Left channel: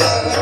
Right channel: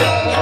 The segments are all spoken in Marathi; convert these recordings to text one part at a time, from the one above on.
Thank you.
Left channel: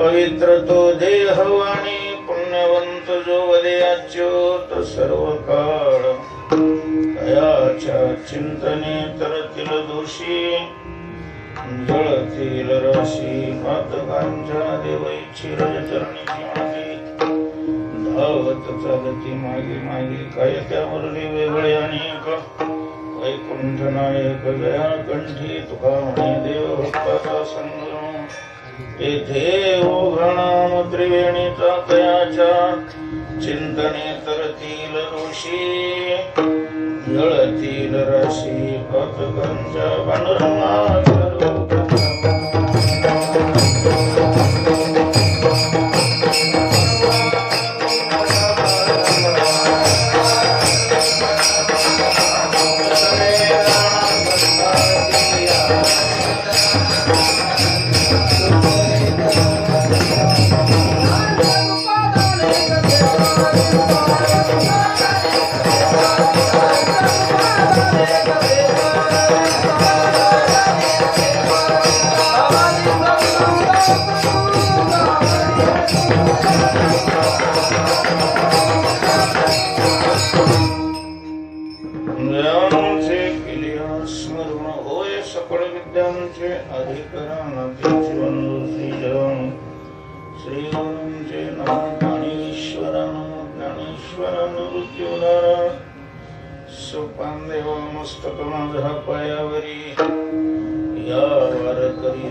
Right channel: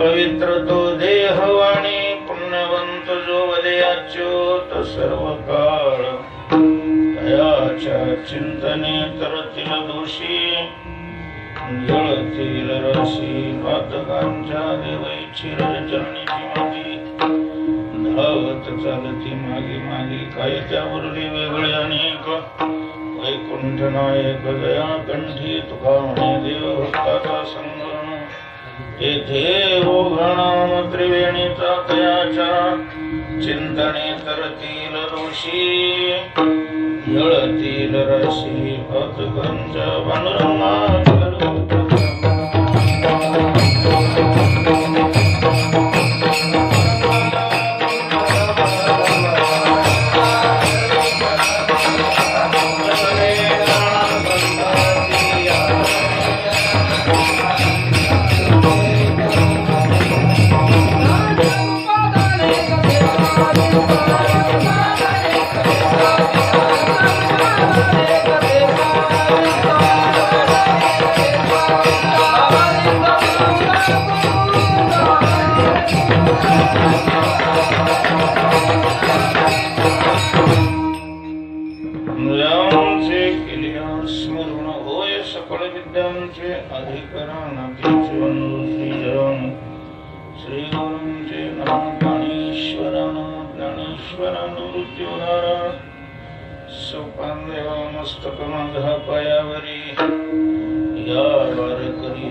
पवित्र तो देहवाणी पुण्यवंत जो वदयाच्युत सर्व काळ तयाच्या चिंतने करतील दोषी जळतील रशी पातकांच्या देवैची रजचरणीची मागे धावत चालती मागे मागे काय त्यावरली वेगळे अनेक वैकुंठ नायक दया कंठी तुका म्हणे देव भक्ताचा संग येथे ओघणाम त्रिवेणीचा तयाच्या चिंतने तरतील दोषी जळतील रशी पातकांच्या पांडुरंगा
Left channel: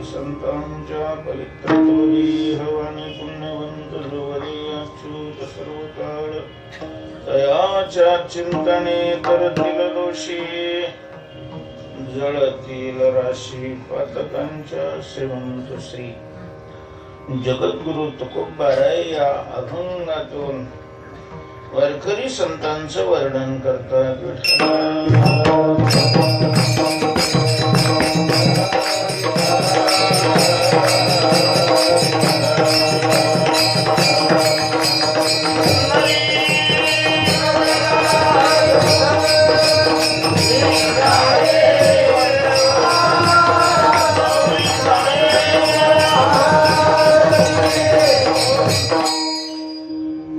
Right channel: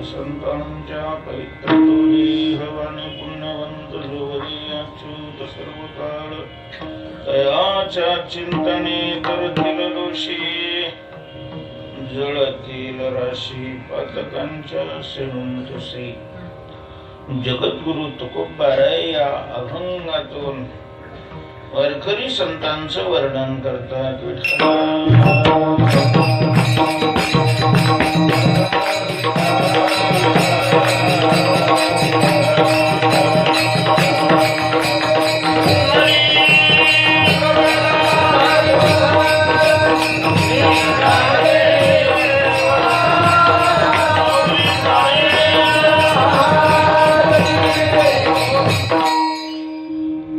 संतांच्या पवित्र तोली हवानी पुण्यवंत लोवदयाच्युत सर्व काळ तयाच्या चिंतने करतील दोषी जळतील राशी पातकांच्या सेवंत श्री जगद्गुरु तुकोबाराय या अभंगातून वारकरी संतांचं वर्णन करतात.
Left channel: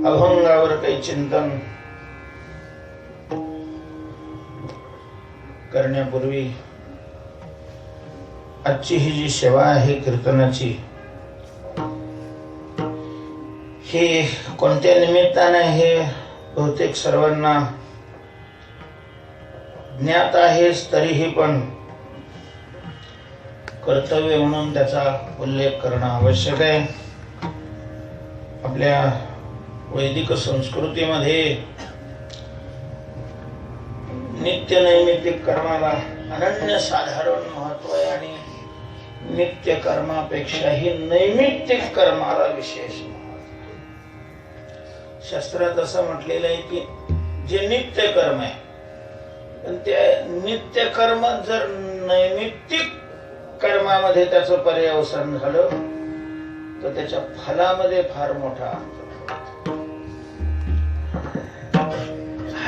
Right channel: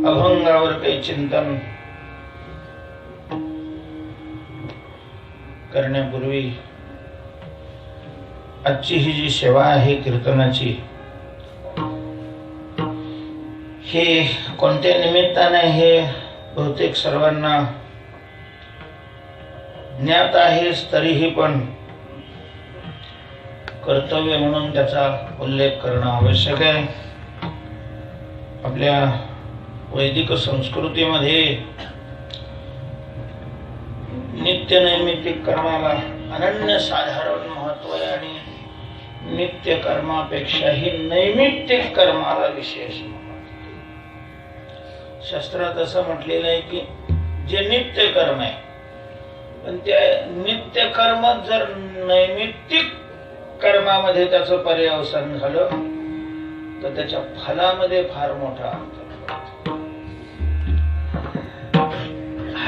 अभंगावर काही चिंतन करण्यापूर्वी आजची ही जी सेवा आहे कीर्तनाची, हे कोणत्या निमित्ताने हे बहुतेक सर्वांना ज्ञात आहेच, तरीही पण कर्तव्य म्हणून त्याचा उल्लेख करणं आवश्यक आहे. आपल्या वैदिक संस्कृतीमध्ये नित्य नैमित्तिक कर्माला अनन्यसाधारण महत्व आहे आणि नित्य कर्मापेक्षाही नैमित्तिक कर्माला विशेष. शास्त्रात असं म्हटलेलं आहे की जे नित्य कर्म आहे, पण त्या नित्य कर्म जर नैमित्तिक कर्मामध्ये त्याचं पर्यवसान झालं तर त्याच्या फलामध्ये फार मोठा अंतर.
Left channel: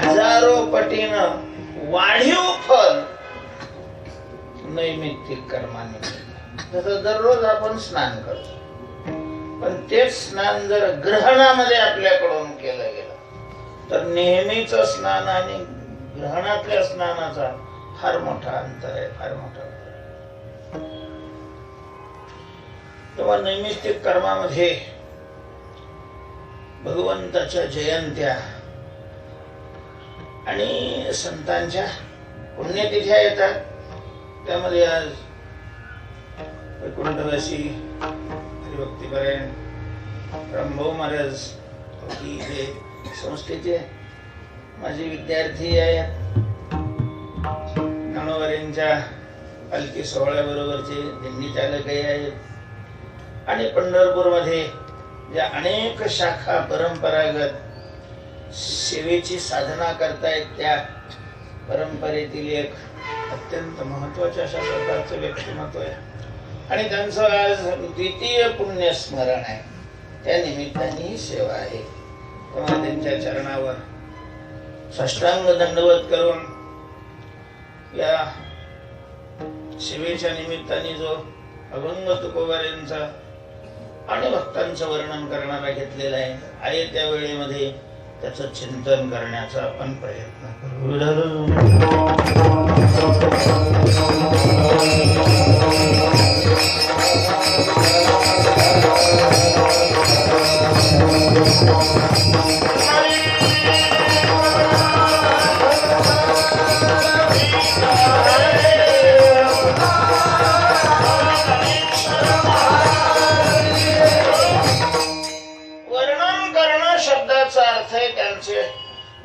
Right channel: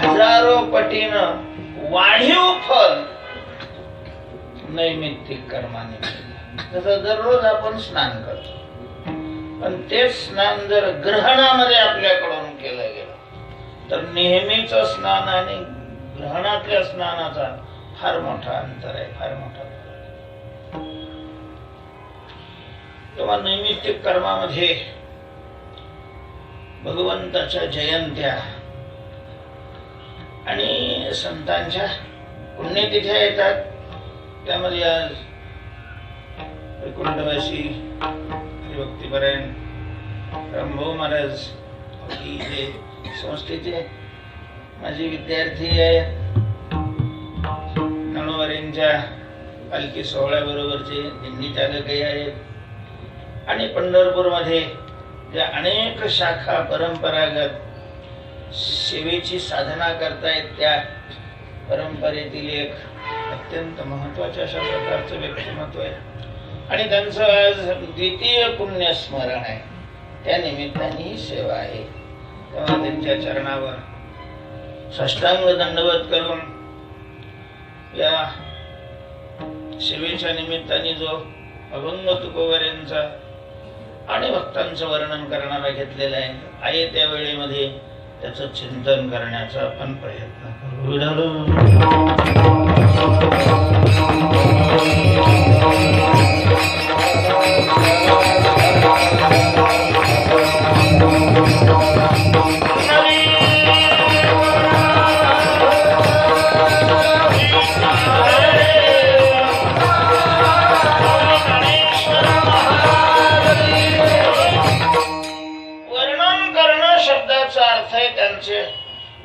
हजारो पटीनं वाढीव फल नैमित्तिक कर्माने मिळते. जसं दररोज आपण स्नान करतो, पण तेच स्नान जर ग्रहणामध्ये आपल्याकडून केलं गेलं तर नेहमीच स्नान आणि ग्रहणातल्या स्नानाचा फार मोठा अंतर आहे, फार मोठा फरक आहे. तेव्हा नैमित्तिक कर्मामध्ये भगवंताच्या जयंत्या आणि संतांच्या पुण्यतिथ्या येतात. त्यामध्ये आज वैकुंठवासी हरिभक्तीपरायण रामभाऊ महाराज की जे संस्थेचे माझे विद्यार्थी आहेत, ज्ञानोबांच्या पालखी सोहळ्याबरोबरचे दिंडी चालकही आहेत आणि पंढरपूरमध्ये ज्या अनेक शाखा परंपरागत सेवेची साधना करतायत त्या परंपरेतील एक अत्यंत महत्वाच्या अशा प्रकारचं व्यक्तिमत्व आहे आणि त्यांचं आज द्वितीय पुण्यस्मरण आहे. त्या निमित्ताने ही सेवा आहे. तेव्हा त्यांच्या चरणावर साष्टांग दंडवत करून या सेवेच्या निमित्ताने जो अभंग तुकोबाऱ्यांचा आणि भक्तांचं वर्णन करणारा घेतलेला आहे त्या वेळेमध्ये त्याचं चिंतन करण्याचा आपण प्रयत्न करू.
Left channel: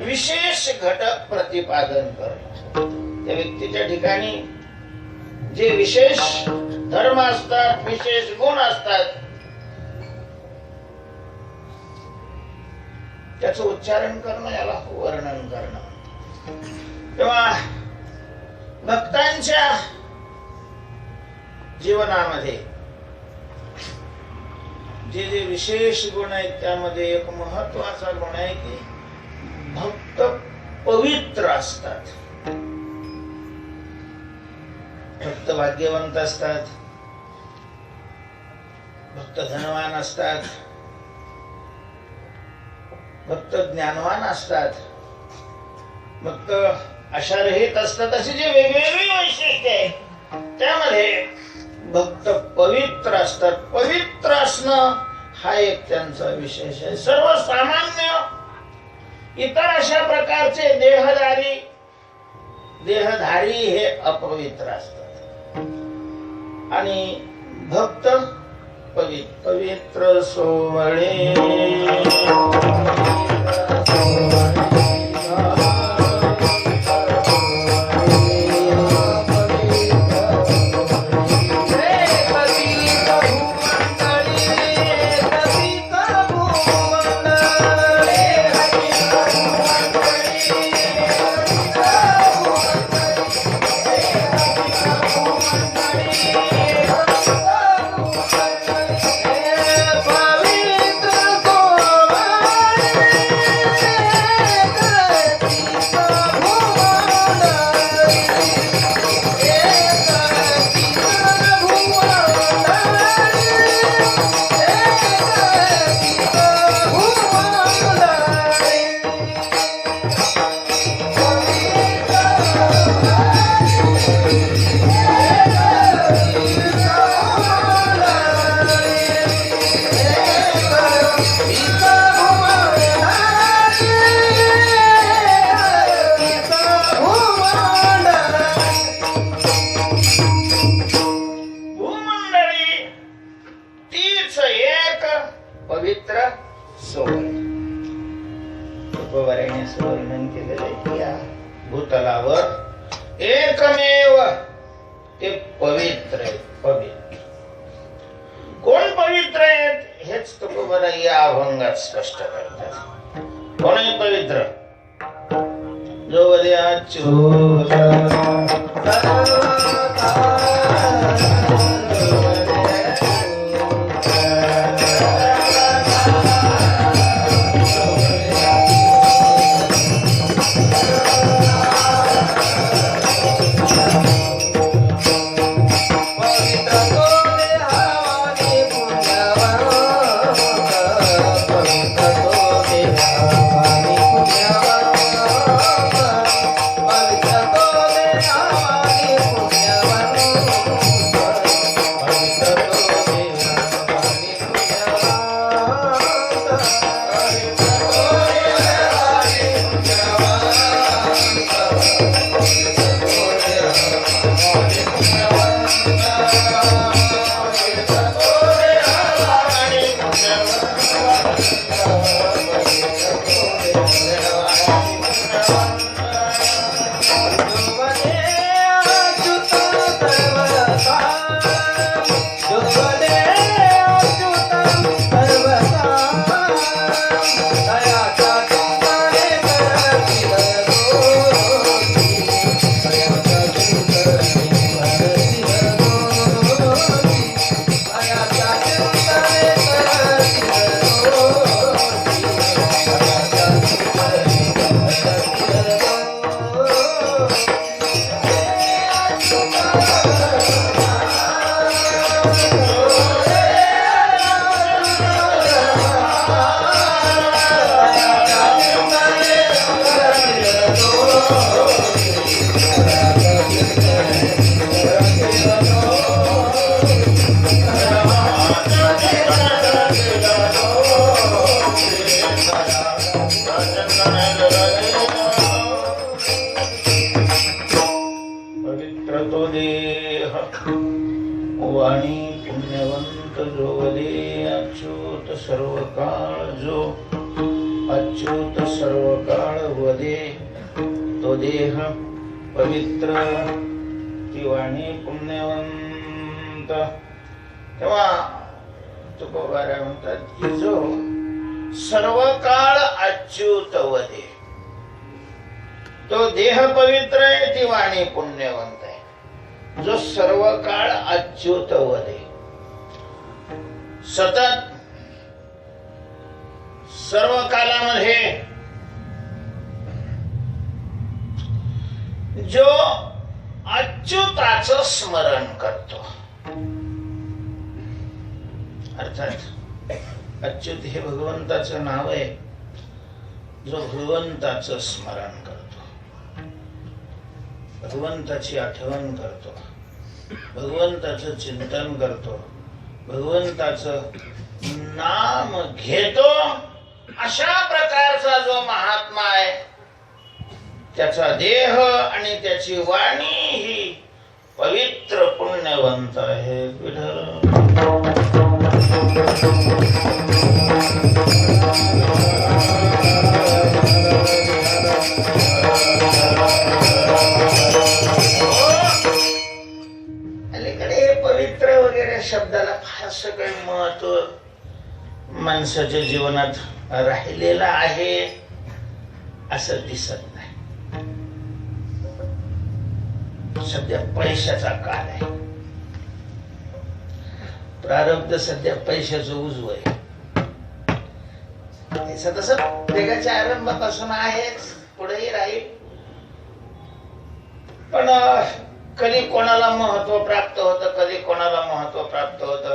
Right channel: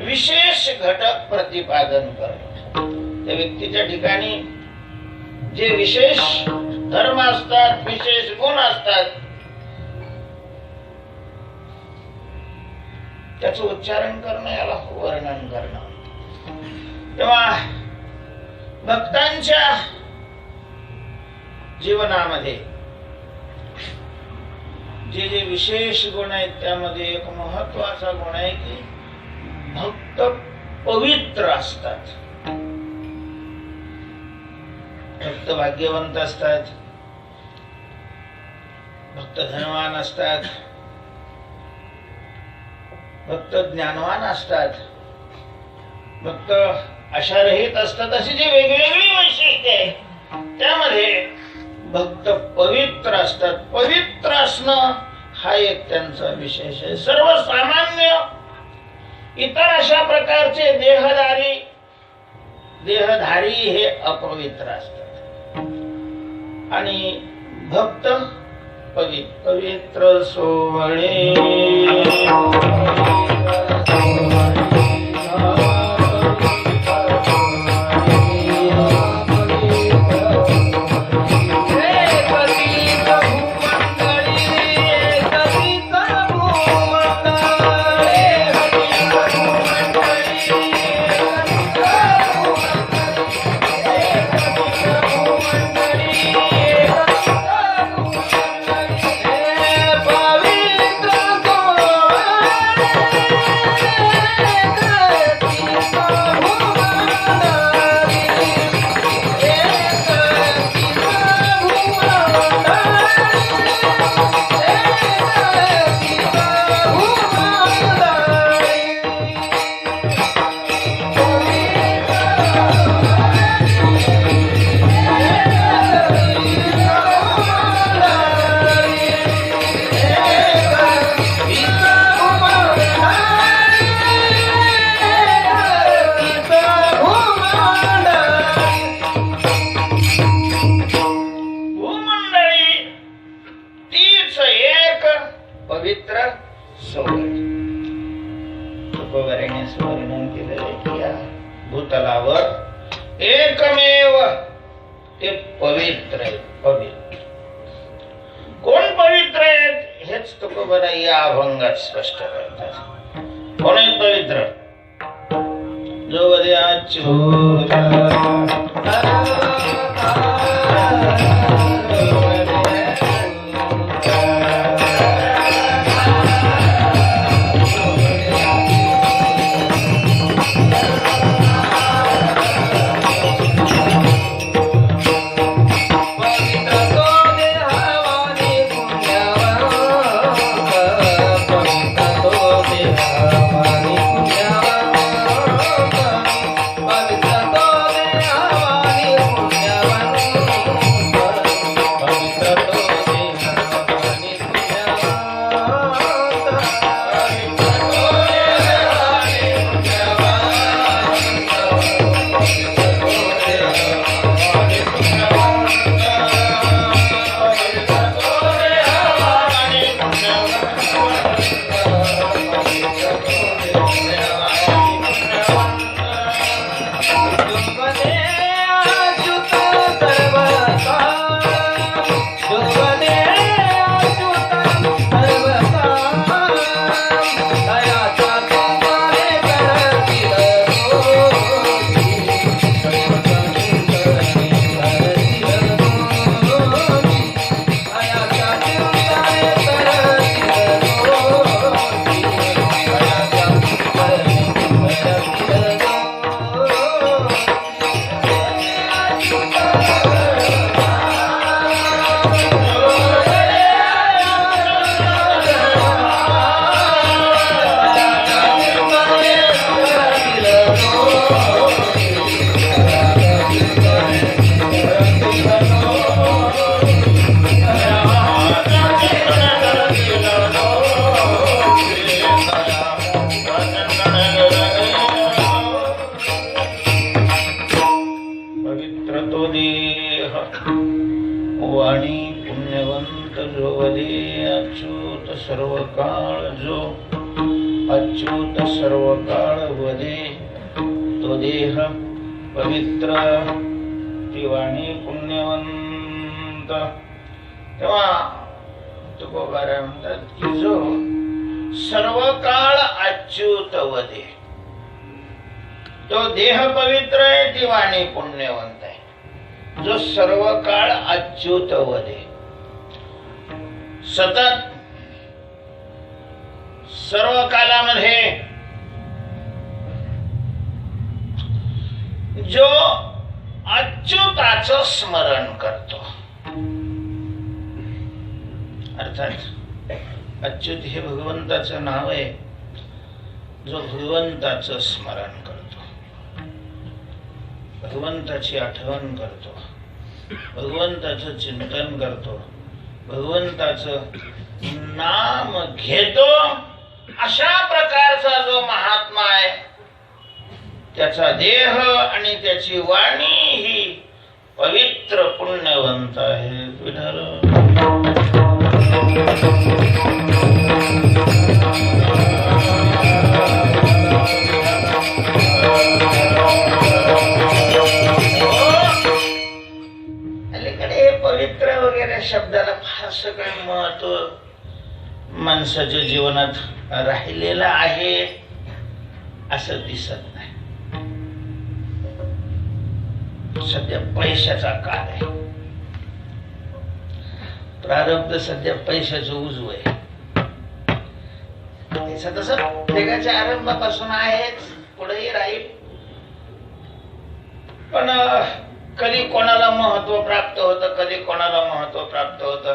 विशेष घटक प्रतिपादन करणे. त्या व्यक्तीच्या ठिकाणी जे विशेष धर्म असतात, विशेष गुण असतात, त्याचं उच्चारण करणं याला वर्णन करणं. तेव्हा भक्तांच्या जीवनामध्ये जे जे विशेष गुण आहेत त्यामध्ये एक महत्वाचा गुण आहे की भक्त पवित्र असतात. भक्त भाग्यवंत असतात, भक्त धनवान असतात, भक्त ज्ञानवान असतात, भक्त आशारहित असतात. अशी जी वेगवेगळी वैशिष्ट्ये आहेत त्यामध्ये भक्त पवित्र असतात. पवित्र असणं हा एक त्यांचा विशेष आहे. सर्वसामान्य इतर अशा प्रकारचे देहधारी हे अपवित्र असतात आणि भक्त पवित्र सोवळे. भूतलावर एकमेव ते पवित्र आहेत. पवित्र कोण पवित्र आहेत हेच तुकोबरा या अभंगात स्पष्ट करतात. कोण आहे पवित्र? जो वद्याच्युत सर्व काळ जो अच्युत सर्व काळ वदे तो देह पवित्र ती वाणी पुण्यवंत. तेव्हा तुकोबारा म्हणतात की जो सर्व काळ अच्युत वदे तो देह पवित्र आहे, ती वाणी पुण्यवंत आहे. जो सर्व काळ अच्युत वदे सतत सर्व कालामध्ये जो अच्युताचं स्मरण करतो, अर्थात अच्युत हे भगवंताचं नाव आहे. जो भगवंताचं स्मरण करतो, भगवंताची आठवण करतो, भगवंताचं चिंतन करतो, भगवंताचं नाम घेतो, अशा प्रकारचा जो महात्मा आहे त्याचा देह आणि त्याची वाणी ही पवित्र पुण्यवंत आहे. विठ्ठल अलीकडे पवित्र वगैरे शब्दाला फारसं काही महत्व माणसाच्या जीवनात राहिलेलं आहे असं दिसत नाही. सध्या पैशाचा काळ आहे. प्रारब्ध सध्या पैशाचं उजव आहे. तसं जगाच्या आरंभापासून आहेच, पुढेही राहील. पण कधी कोणाला महत्व प्राप्त होतं, कधी कोणाला महत्व प्राप्त होतं.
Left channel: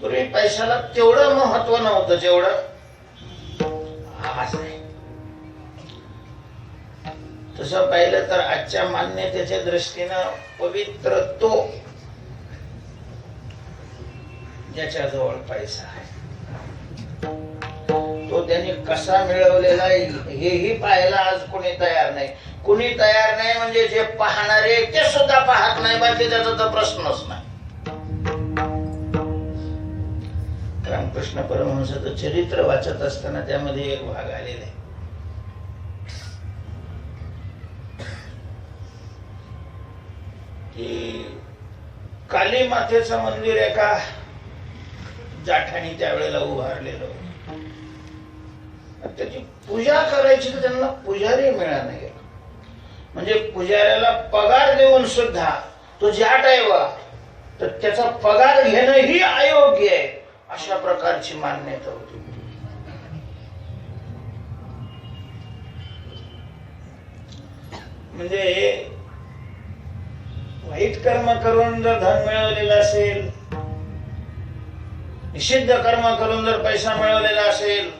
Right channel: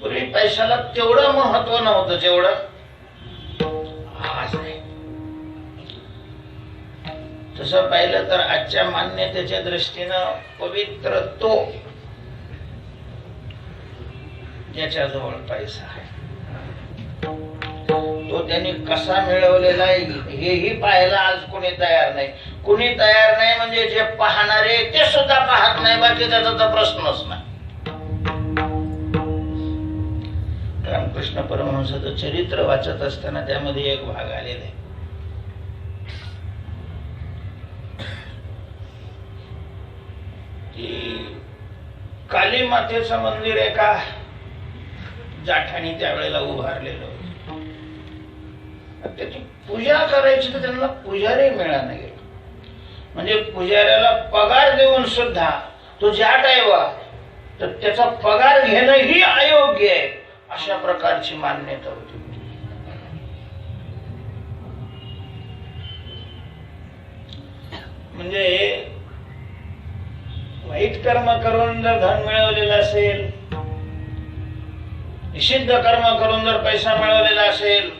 पूर्वी पैशाला तेवढं महत्व नव्हतं जेवढं आज आहे. तसं पाहिलं तर आजच्या मान्यतेच्या दृष्टीनं पवित्र तो ज्याच्याजवळ पैसा आहे, तो त्यांनी कसा मिळवलेला आहे हेही पाहायला आज कोणी तयार नाही. कोणी तयार नाही म्हणजे जे पाहणारे ते सुद्धा पाहत नाही, बाकी त्याचा तर प्रश्नच नाही. रामकृष्ण परमहंसाचं चरित्र वाचत असताना त्यामध्ये एक भाग आलेला आहे. की काली मातेचं मंदिर एका जाठाने त्यावेळेला उभारलेलं होतं. त्याची पूजा करायची तर त्यांना पुजारी मिळाला नाही. म्हणजे पुजाऱ्याला पगार देऊन सुद्धा तो जाट आहे बा, तर त्याचा पगार घेणं ही अयोग्य आहे, अशा प्रकारची मान्यता होती. म्हणजे वाईट कर्म करून जर धन मिळवलेलं असेल, निषिद्ध कर्म करून जर पैसा मिळवलेला असेल,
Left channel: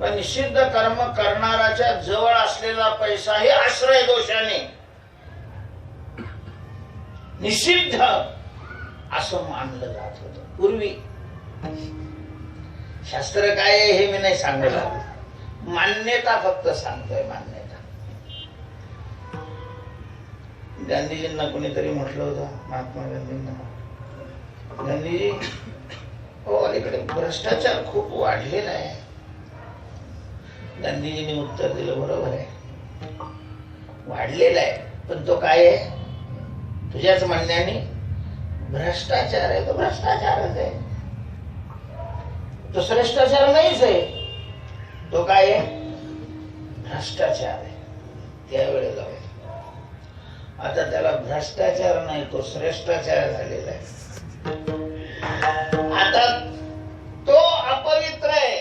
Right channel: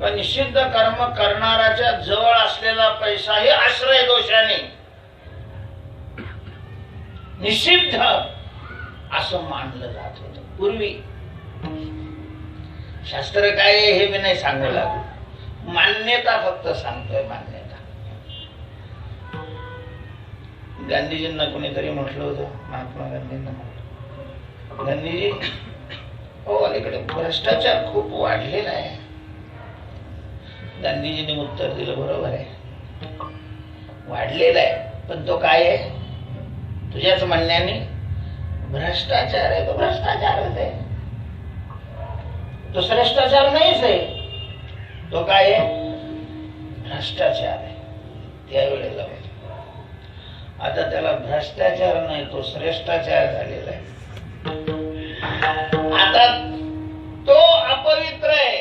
तर निषिद्ध कर्म करणाऱ्याच्या जवळ असलेला पैसा हे आश्रय दोषाने निषिद्ध असं मानलं जात होत पूर्वी. शास्त्र काय आहे हे मी नाही सांगायला, मान्यता फक्त सांगतोय, मान्यता. गांधीजींना कुणीतरी म्हटलं होतं, महात्मा गांधींना म्हटलं, गांधीजी हो अलीकडे भ्रष्टाचार खूप वाढलेला आहे. गांधीजींनी उत्तर दिलं, बरोबर आहे, वाढलेला आहे, पण तो काय आहे? तुझ्याच म्हणण्याने भ्रष्टाचार आहे. तो भ्रष्टाचारच आहे, तो श्रेष्ठाचार नाहीच आहे. तो काय आहे? भ्रष्टाचार आहे. त्यावेळेला आता त्याला भ्रष्टाचार नाही, तो श्रेष्ठाचार झालेला आहे. आता तो अपवित्र आहे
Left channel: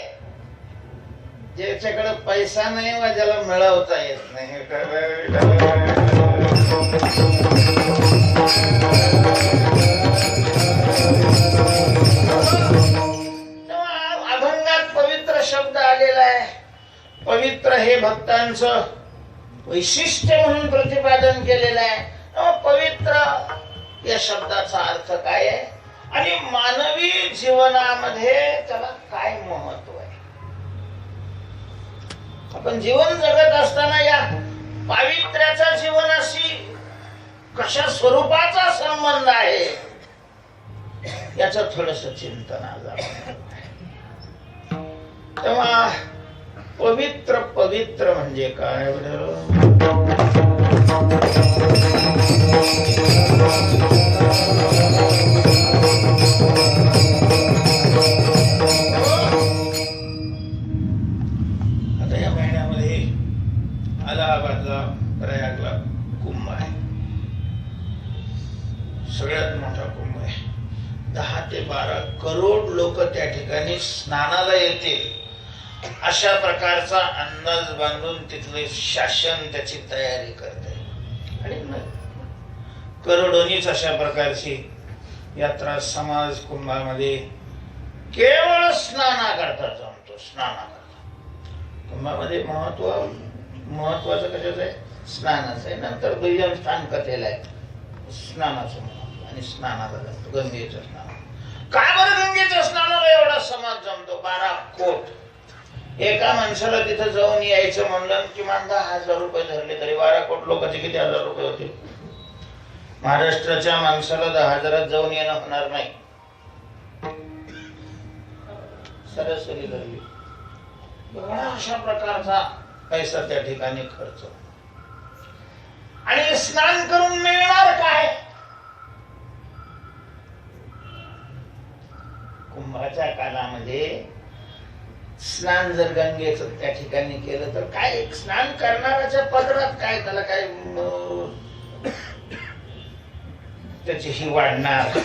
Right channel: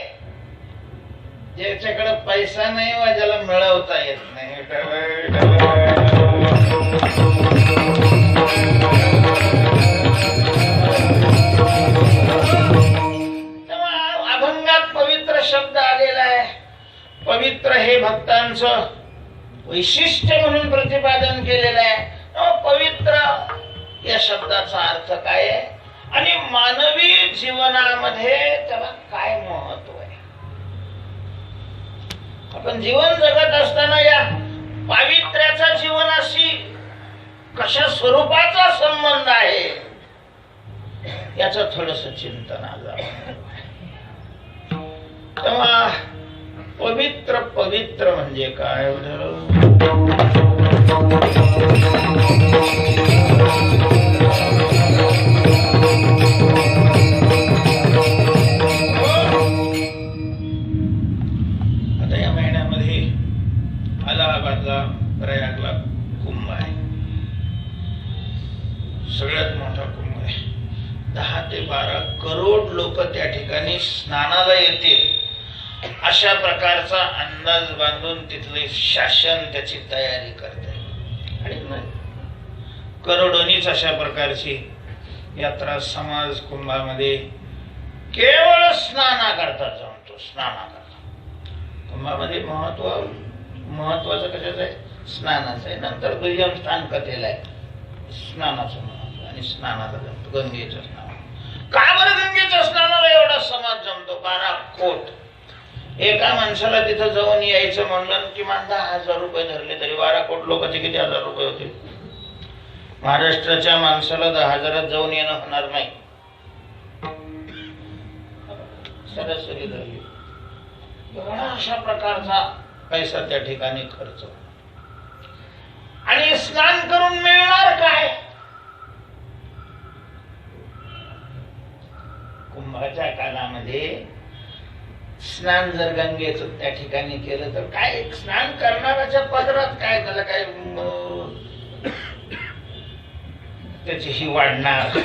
ज्याच्याकडे पैसा नाही वा ज्याला मिळवता येत नाही. अभंगात पवित्र शब्द आलेला आहे. पवित्र हे भक्तांचं वैशिष्ट्य म्हणून प्रतिपादन केलेलं आहे. पवित्र या शब्दाचा अर्थ काय आहे आणि मानवी जीवनामध्ये त्याला काय महत्व आहे? आपण जीवन जगत असताना या पावित्र्याचा जीवनाशी कशा स्वरूपाचा संबंध आहे याचं थोडस चिंतन आज आपण. तेव्हा पवित्र पवित्र म्हणजे काय? आता या महिन्यामध्ये अलाहाबादला प्रयागला कुंभ आहे, सगळ्यात मोठा कुंभ आहे. 10 ते 12 करोड लोक त्या ठिकाणी स्नानाला येतील अशा प्रकारचा अंदाज बांधून तिथले शासन त्याची तयारी करते. आणि करोडोनीच अशा प्रकारची यात्रा समाज कुंभामध्ये केवळ स्नानाकरता जमतो. स्नानाकरता कुंभामध्ये महत्वाचं कशाचं आहे? स्नानाचं आहे. नंतर दुय्यम स्थान कथेला आहे स्नानाचं महत्व, आणि स्नानाला जमतो गंगेचं स्नान. का बरं गंगेच्या स्नानाला एवढा समाज जमतो? 12 कोट. एका माणसाला तिथं जाऊन यायचं म्हणलं किमान 10,000 रुपये धरले तरी 12 कोट लोकांचे किती हजार रुपये होते? महाराष्ट्राच्या माणसाला 10,000 जाऊन येणं होणार नाही, सरासरी धरली. अशा प्रकारचा पैसा त्या ठिकाणी खर्च. आणि स्नान करून मिळणार काय? कुंभाच्या काळामध्ये स्नान जर गंगेचं त्या ठिकाणी केलं तर काय? स्नान करणाऱ्याच्या पदरात काय? त्याला काय त्याची ही वाढणार,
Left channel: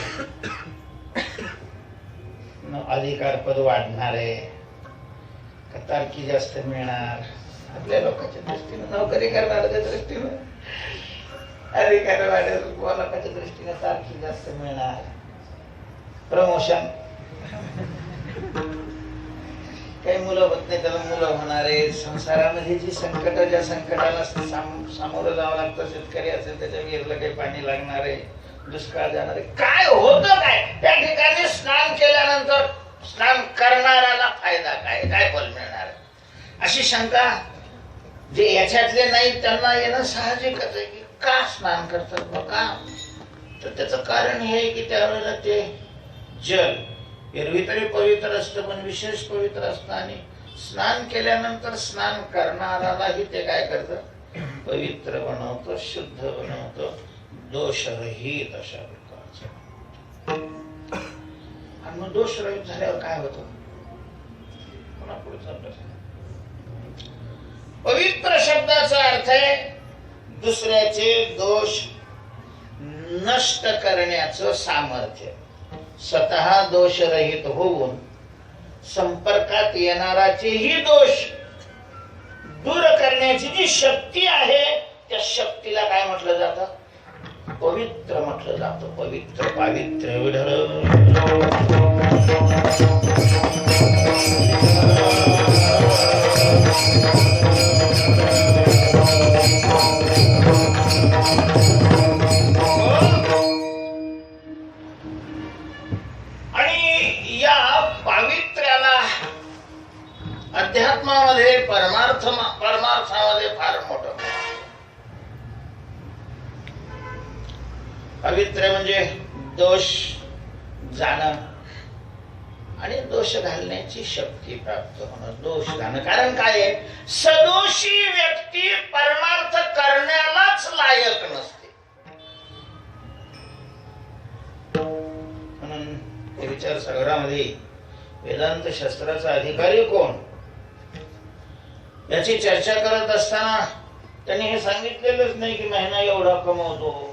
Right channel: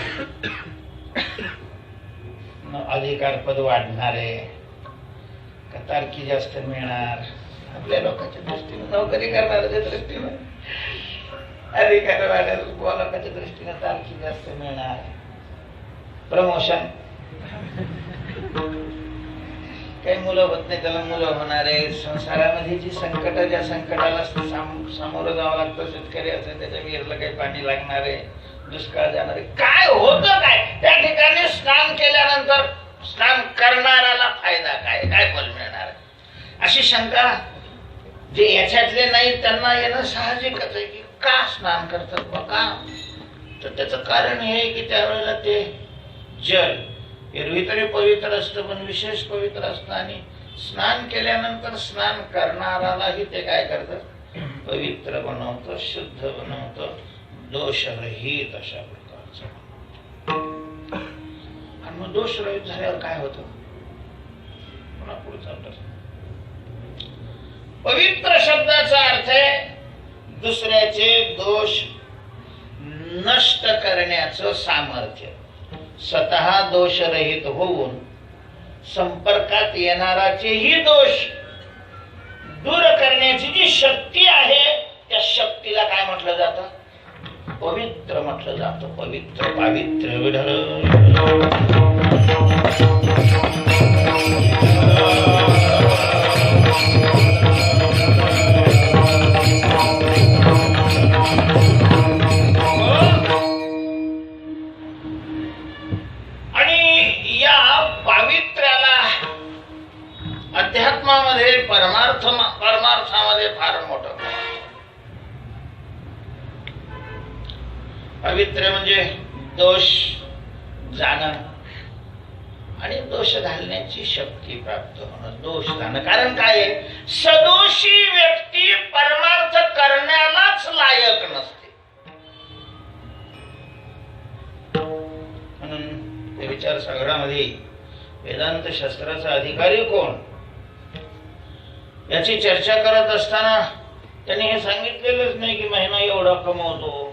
अधिकार पद वाढणार आहे का? तारकी जास्त मिळणार? आपल्या लोकांच्या दृष्टीने, नोकरी करणाऱ्याच्या दृष्टीने अधिकार वाढेल, लोकांच्या दृष्टीने तारकी जास्त मिळणार, प्रमोशन. काही मुलं होत नाही त्याला मुलं होणार आहे. संसारामध्ये जी संकट, ज्या संकटाला सामोरं जावं लागतं, शेतकरी असेल त्याच्या विहिरीला काही पाणी लागणार आहे, दुष्काळ जाणार आहे, काय होतं काय? त्या ठिकाणी स्नान केल्यानंतर स्नान करणाऱ्याला फायदा काय? काय फल मिळणार? अशी शंका जे याच्यातले नाही त्यांना येणं साहजिकच आहे की का स्नान करतात बघा. तर त्याचं कारण हे आहे की त्यावेळेला ते जल एरवी तरी पवित्र असतं, पण विशेष पवित्र असतं. आणि स्नान केल्यानंतर स्नान करणारालाही ते काय करतं? पवित्र बनवतं, शुद्ध बनवतं, दोषरहित अशा प्रकारचं. आणि मग दोषरहित झाल्यावर काय होतं? पुढचा प्रश्न. पवित्र शब्दाचा अर्थ आहे दुसऱ्याचे दोष नष्ट करण्याचं सामर्थ्य. स्वतः दोषरहित होऊन संपर्कात येणाराचेही दोष दूर करण्याची जी शक्ती आहे त्या शक्तीला काय म्हटलं जातं? पवित्र म्हटलं जातं. पवित्र, पावित्र्य. आणि या पावित्र्याला अध्यात्मामध्ये परमार्थामध्ये फार मोठं. पवित्र म्हणजे दोष जाणं आणि दोष घालण्याची शक्ती प्राप्त होणं. दोष घालणं कारण काय आहे? सदोषी व्यक्ती परमार्थ करण्यालाच लायक नसते. म्हणून ते विचारसागरामध्ये वेदांत शास्त्राचा अधिकारी कोण याची चर्चा करत असताना त्यांनी हे सांगितलेलंच नाही की महिना एवढा कमवतो.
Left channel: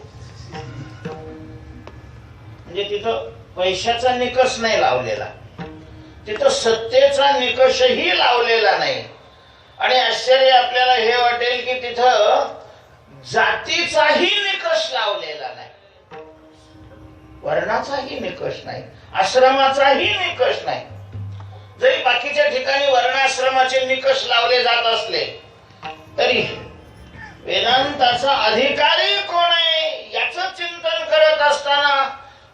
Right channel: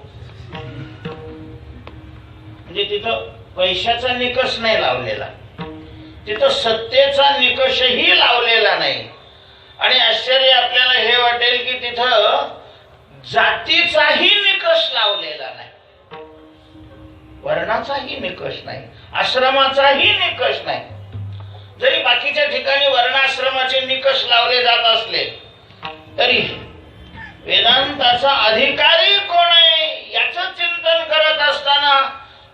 म्हणजे तिथं पैशाचा निकष नाही लावलेला, तिथं सत्तेचा निकषही लावलेला नाही. आणि आश्चर्य आपल्याला हे वाटेल की तिथं जातीचाही निकष लावलेला नाही, वर्णाचाही निकष नाही, आश्रमाचाही निकष नाही. जरी बाकीच्या ठिकाणी वर्णाश्रमाचे निकष लावले जात असले तरी वेदांताचा अधिकारी कोण आहे याचं चिंतन करत असताना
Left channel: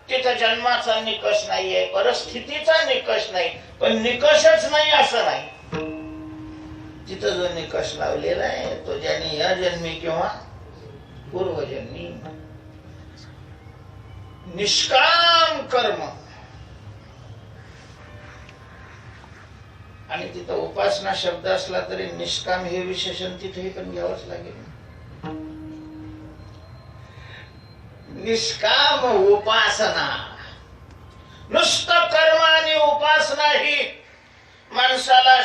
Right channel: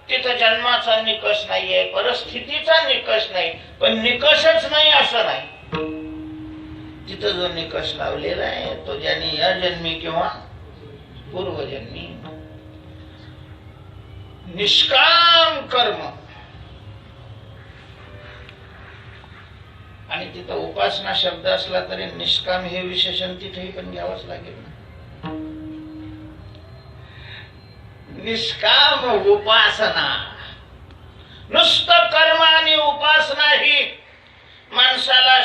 तिथं जन्माचा निकष नाहीये, परिस्थितीचा निकष नाही, पण निकषच नाही असं नाही. तिथं जो निकष लावलेला आहे तो ज्याने या जन्मी किंवा पूर्वजन्मी निष्काम कर्म. आणि तिथं उपासना शब्द असला तरी निष्काम हे विशेषण तिथेही पण घ्यावंच लागेल. निष्काम उपासना, नुसतं कर्म आणि उपासना ही माणसाला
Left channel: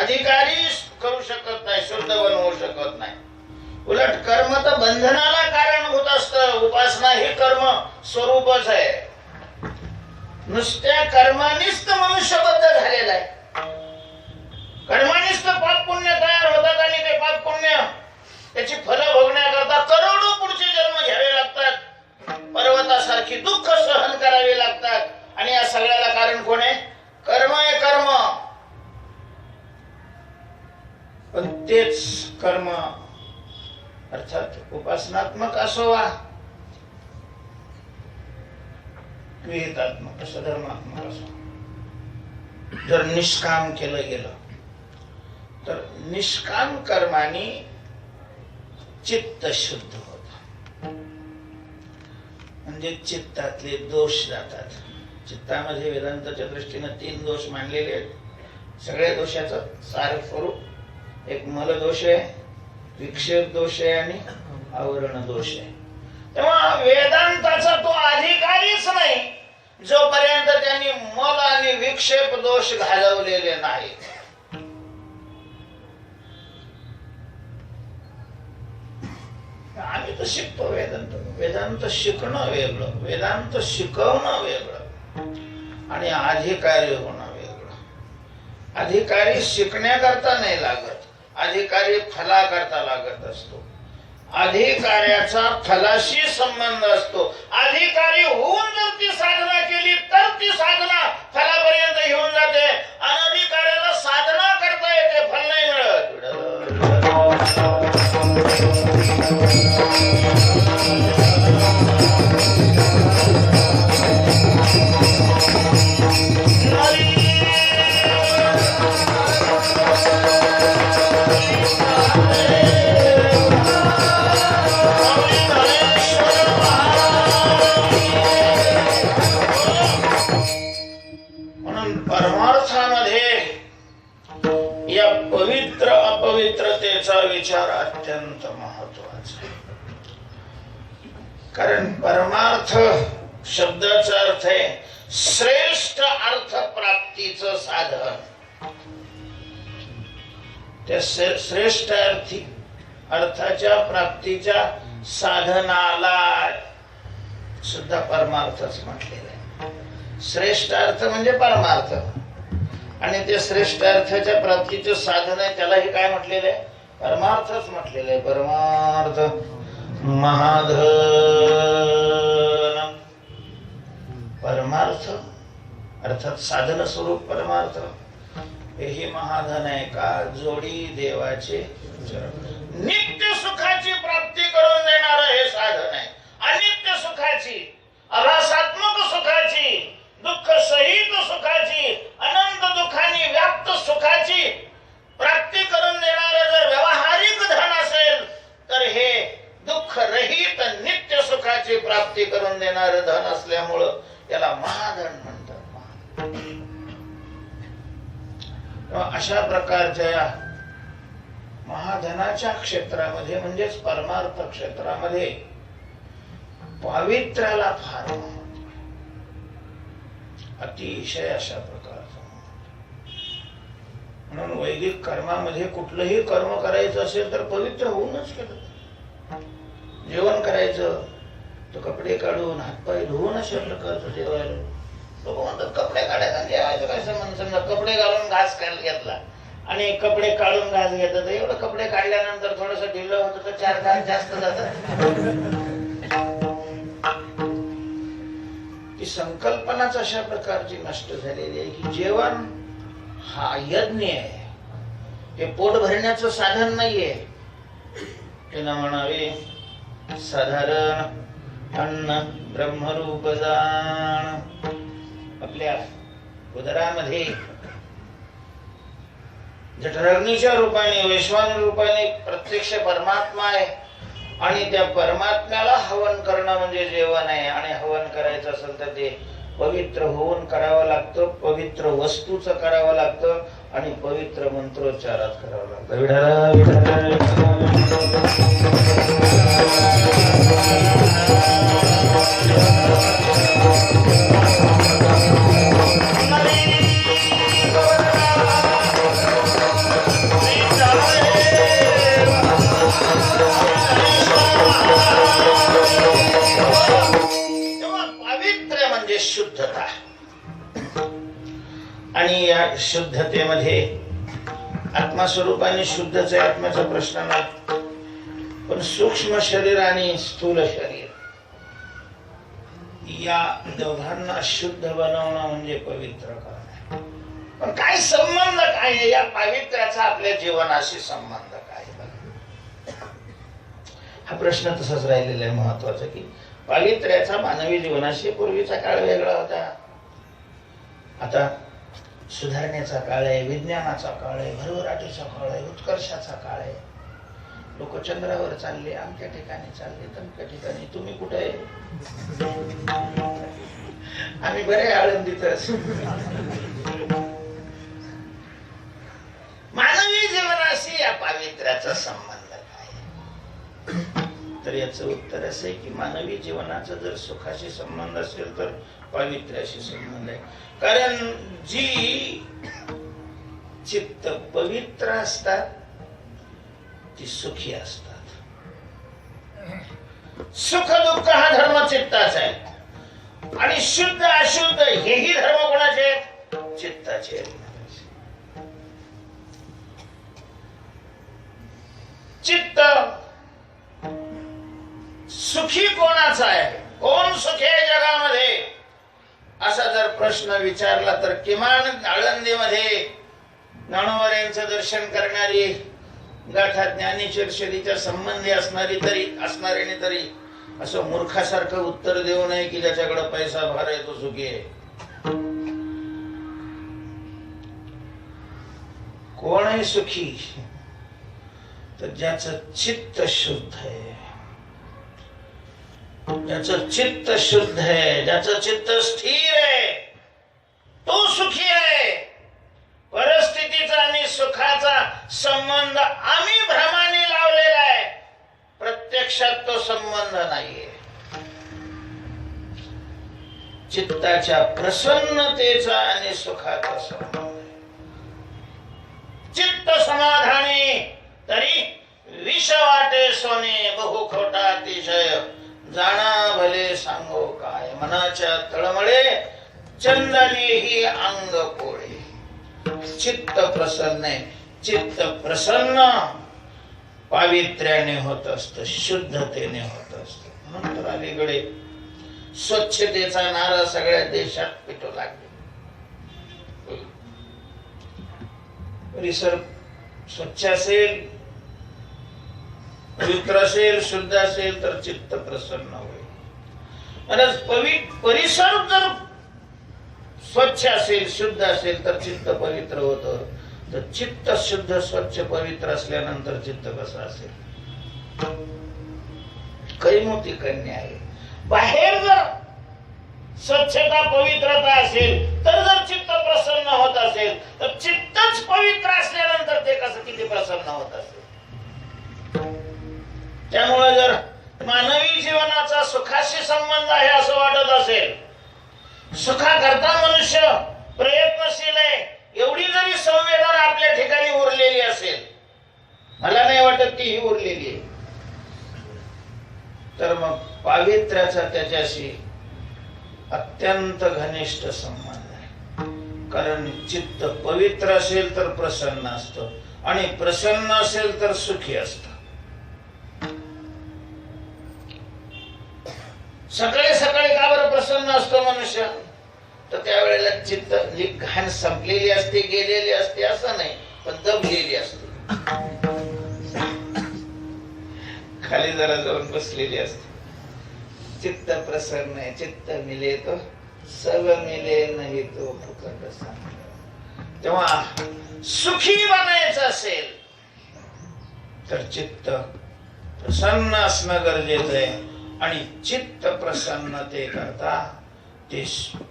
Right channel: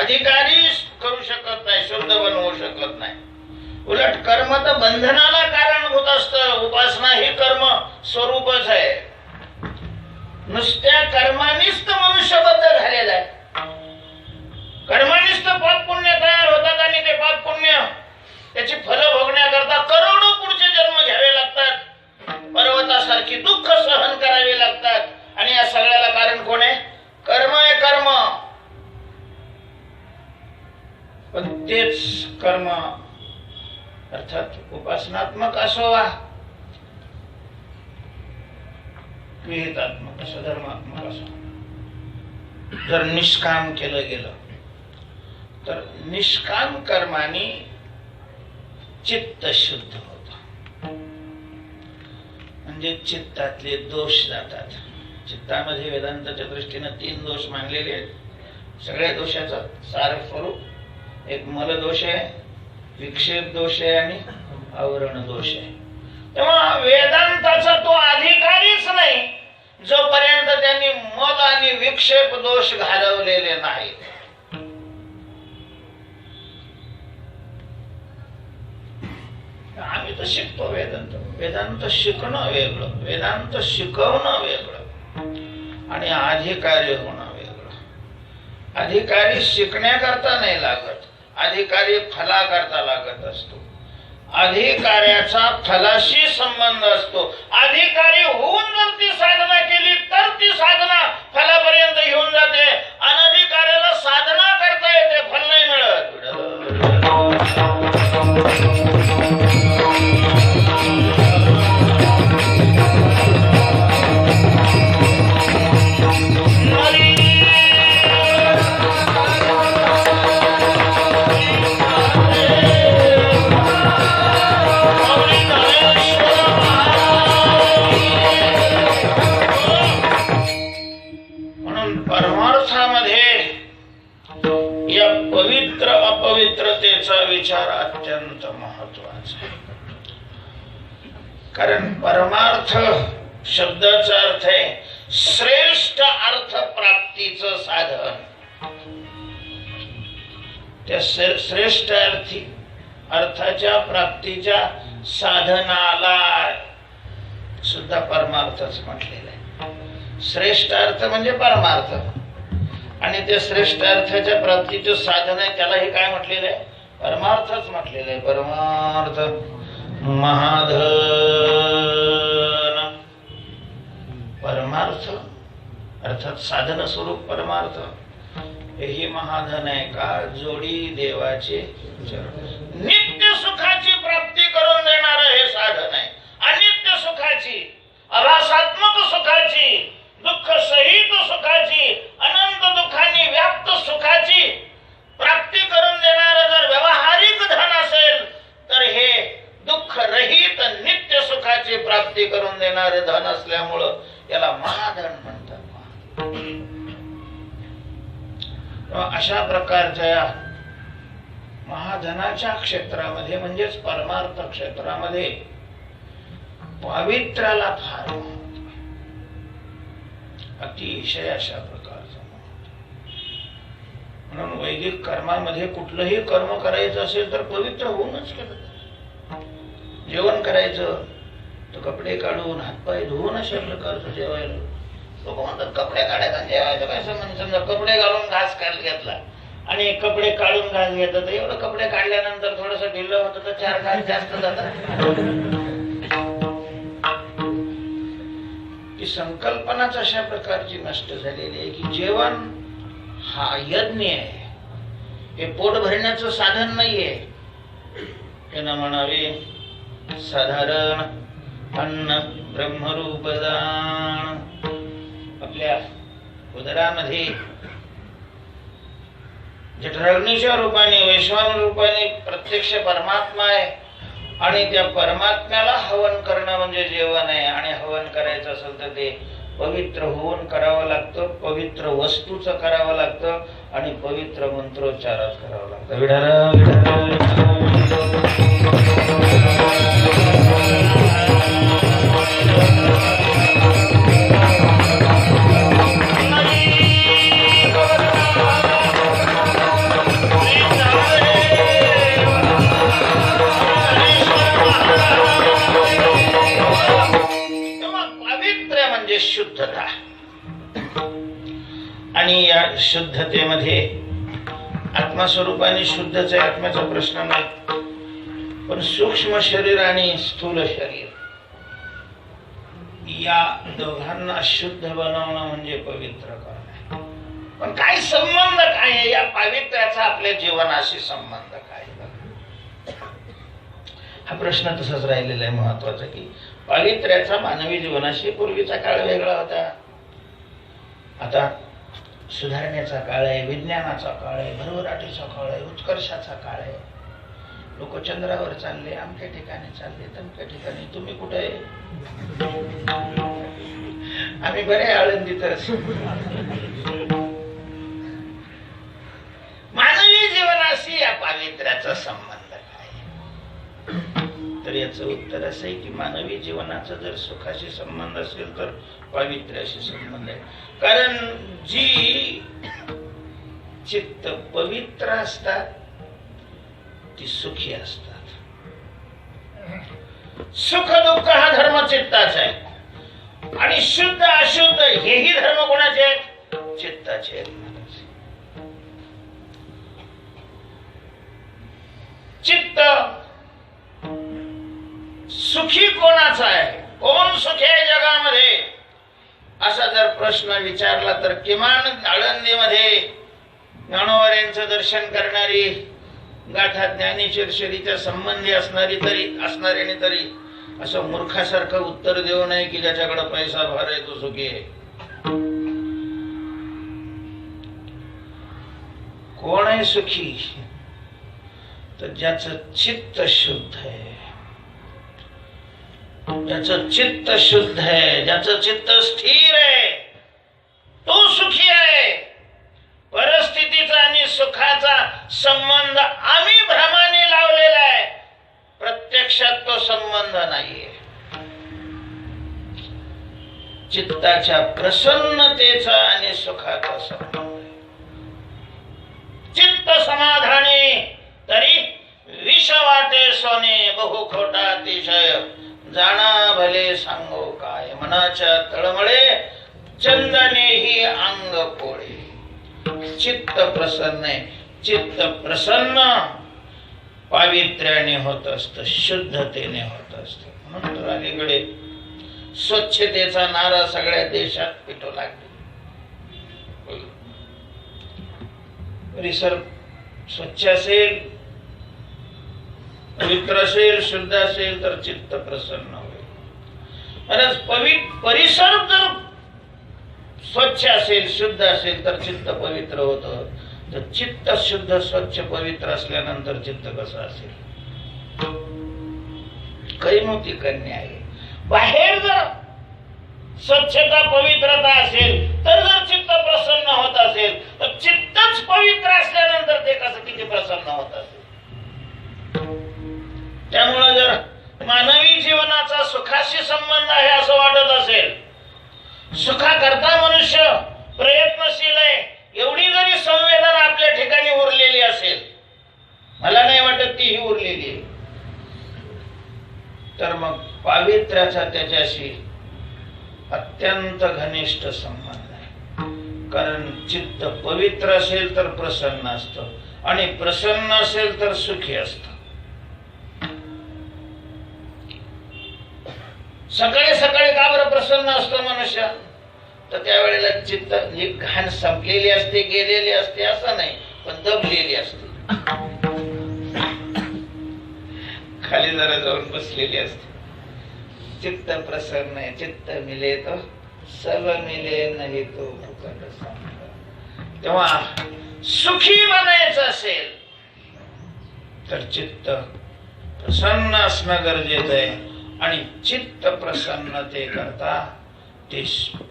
अधिकारी करू शकत नाही, शुद्ध बनवू शकत नाही. उलट कर्म तर बंधनाला कारणभूत असतं, उपासना ही कर्म स्वरूपच आहे. नुसत्या कर्मानीच मनुष्यबद्ध झालेला आहे. कर्मानीच पाप पुण्य तयार होतात आणि ते पाप पुण्य त्याची फलं भोगण्याकरता करोडो पुढचे जन्म घ्यावे लागतात, पर्वतासारखी दुःख सहन करावी लागतात. आणि या सगळ्याला कारण कोण आहे? कर्म आहे. कर्म, पण तेच कर्म अर्थात उपासनात्मक असो वा विहितात्मक असो, धर्मात्मक असो, जर निष्काम केलं गेलं तर निष्काम कर्माने चित्त शुद्ध होत. म्हणजे चित्तातले दोष जातात. चित्तामध्ये वेदांताच्या दृष्टीने 3 दोष मानलेले आहेत. सगळ्या दोषाचं सार स्वरूप एक मल दोष आहे, विक्षेप दोष आहे आणि आवरण दोष आहे. तेव्हा वेदांताचा तो अधिकारीच नाही जोपर्यंत त्यांनी मल आणि विक्षेप दोष घालवलेले नाही. आम्ही तर शिकतो वेदांत. वेदांत शिकणं वेगळं, वेदांत शिकवणं वेगळं आणि अधिकारी होणं वेगळं. अधिकारी शिकण्याकरता नाही लागत, अधिकारी फलाकरता लागत असतो. अधिकाऱ्याचा फलाशी संबंध असतो. अधिकारी होऊन जर ती साधना केली तर ती साधना फलापर्यंत घेऊन जाते. अनधिकाऱ्याला साधना करता येते, फल नाही मिळत. विचार अत्यंत महत्वाचा आहे. कारण परमार्थ शब्दाचा अर्थ आहे श्रेष्ठ अर्थ प्राप्तीचं साधन. त्या श्रेष्ठ अर्थाच्या प्राप्तीच्या साधनाला सुद्धा परमार्थच म्हटलेलं आहे. श्रेष्ठ अर्थ म्हणजे परमार्थ, आणि ते श्रेष्ठ अर्थाच्या प्राप्तीचं साधन आहे त्याला हे काय म्हटलेलं आहे? परमार्थच म्हटलेलं आहे. परमार्थ महाधन. परमार्थ अर्थात साधन स्वरूप परमार्थ हे महाधन आहे का? जोडी देवाचे चरण. नित्य सुखाची प्राप्ती करून देणारं हे साधन आहे. अनित्य सुखाची, अभासात्मक सुखाची, दुःख सहित सुखाची, अनंत दुःखांनी व्याप्त सुखाची प्राप्ती करून देणारं जर व्यावहारिक धन असेल तर हे दुःख रहित नित्य सुखाची प्राप्ती करून देणारे धन असल्यामुळं याला महाधन म्हणतात. अशा प्रकारच्या महाधनाच्या क्षेत्रामध्ये म्हणजेच परमार्थ क्षेत्रामध्ये पावित्र्याला फार अतिशय अशा प्रकारचं. म्हणून वैदिक कर्मामध्ये कुठलंही कर्म करायचं असेल तर पवित्र होऊनच केलं. जेवण करायचं तर कपडे काढून हातपाय धुवून अशा प्रकारचं जेवायला. लोक म्हणतात कपडे काढायचा जेवायचं काय संबंध? समजा कपडे घालून घास घेतला आणि कपडे काढून घास घेतात, एवढं कपडे काढल्यानंतर थोडस ढिल्लं होतं तर 4 घास जास्त जातात. ती संकल्पनाच अशा प्रकारची नष्ट झालेली आहे की जेवण हा यज्ञ आहे, हे पोट भरण्याचं साधन नाहीये. हे ना म्हणावे साधारण अन्न ब्रह्मरूप दान. आपल्या उदरामध्ये जठराग्नीच्या रूपाने वैश्वान रूपाने प्रत्यक्ष परमात्मा आहे आणि त्या परमात्म्याला हवन करणं म्हणजे जेवण आहे. आणि हवन करायचं असेल तर ते पवित्र होऊन करावं लागतं, पवित्र वस्तूचं करावं लागतं आणि पवित्र मंत्रोच्चारात करावं लागतं. विठाला विठाला शुद्धता. आणि या शुद्धतेमध्ये आत्मस्वरूपाने शुद्धच आहे, आत्म्याचा प्रश्न नाही. पण सूक्ष्म शरीर आणि स्थूल शरीर या दोघांना शुद्ध बनवणं म्हणजे पवित्र करणं. पण काय संबंध काय आहे या पावित्र्याचा आपल्या जीवनाशी संबंध काय? हा प्रश्न तसाच राहिलेला आहे महत्वाचा की पावित्र्याचा मानवी जीवनाशी पूर्वीचा काळ वेगळा होता, आता सुधारण्याचा काळ आहे, विज्ञानाचा काळ आहे, भरभराटीचा काळ आहे, उत्कर्षाचा काळ आहे. लोक चंद्रावर चालले, अमक्या ठिकाणी चालले, तमक्या ठिकाणी. तुम्ही कुठे आहे? आम्ही बरे आळंदीतच. मानवी जीवनाशी या पावित्र्याचा संबंध काय? तर याचं उत्तर असं आहे की मानवी जीवनाचा जर सुखाशी संबंध असेल तर पावित्र्याशी संबंध आहे. कारण जी चित्त पवित्र असतात ती सुखी असतात. सुख दुःख हा धर्म चित्ताचा आहे आणि शुद्ध अशुद्ध हेही धर्म कोणाचे आहेत? चित्ताचे आहेत. चित्त सुखी कोणाचा आहे? कोण सुखी आहे जगामध्ये असा जर प्रश्न विचारला तर किमान आळंदीमध्ये ज्ञानोबा दर्शन करणारी गाठा ज्ञानेश्वरीच्या संबंधी असणाऱ्याने तरी असं मूर्खासारखं उत्तर देऊ नये की ज्याच्याकडे पैसा भार आहे तो सुखी आहे. कोण आहे सुखी? तर ज्याचं चित्त शुद्ध आहे, ज्याचं चित्त शुद्ध आहे, ज्याचं चित्त स्थिर आहे तो सुखी आहे. परिस्थितीचा आणि सुखाचा संबंध आम्ही भ्रमाने लावलेला आहे, प्रत्यक्षात तो संबंध नाहीये. चित्ताच्या प्रसन्नतेचा आणि सुखाचा संबंध. चित्त समाधानी तरी विष वाटे सोने, बहु खोटा अतिशय जाणा भले सांगो काय. मनाच्या तळमळे चंदनेही अंग पोळे. चित्त प्रसन्न आहे. चित्त प्रसन्न पावित्र्याने होत असत, शुद्धतेने होत असत. म्हणून अलीकडे स्वच्छतेचा नारा सगळ्या देशात पिटू लागला. परिसर स्वच्छ असेल, पवित्र असेल, शुद्ध असेल तर चित्त प्रसन्न होईल. आणि परिसर जर स्वच्छ असेल, शुद्ध असेल तर चित्त पवित्र होतं. तर चित्त शुद्ध स्वच्छ पवित्र असल्यानंतर चित्त कसं असेल? काही मोठी कन्या आहे. बाहेर जर स्वच्छता पवित्रता असेल तर जर चित्त प्रसन्न होत असेल तर चित्तच पवित्र असल्यानंतर ते कसं किती प्रसन्न होत असेल. त्यामुळे जर मानवी जीवनाचा सुखाशी संबंध आहे असं वाटत असेल, सुखाकरता मनुष्य प्रयत्नशील आहे, एवढी जरी संवेदना आपल्या ठिकाणी उरलेली असेल, मला नाही वाटत ती ही उरलेली आहे, तर मग पावित्र्याचा त्याच्याशी अत्यंत घनिष्ठ संबंध आहे. कारण चित्त पवित्र असेल तर प्रसन्न असतं आणि प्रसन्न असेल तर सुखी असतं. सकाळी सकाळी का बरं प्रसन्न असतो मनुष्य? तर त्यावेळेला चित्त घाण संपलेली असते, गेलेली असते असं नाही, पण दबलेली असते, खाली जरा जाऊन बसलेली असते. चित्त प्रसन्न आहे. चित्त मिले तो सब मिले, नाही तो फुकट सांग. तेव्हा सुखी बनायचं असेल तर चित्त प्रसन्न असणं गरजेचं आहे. आणि चित्त प्रसन्नते करता ते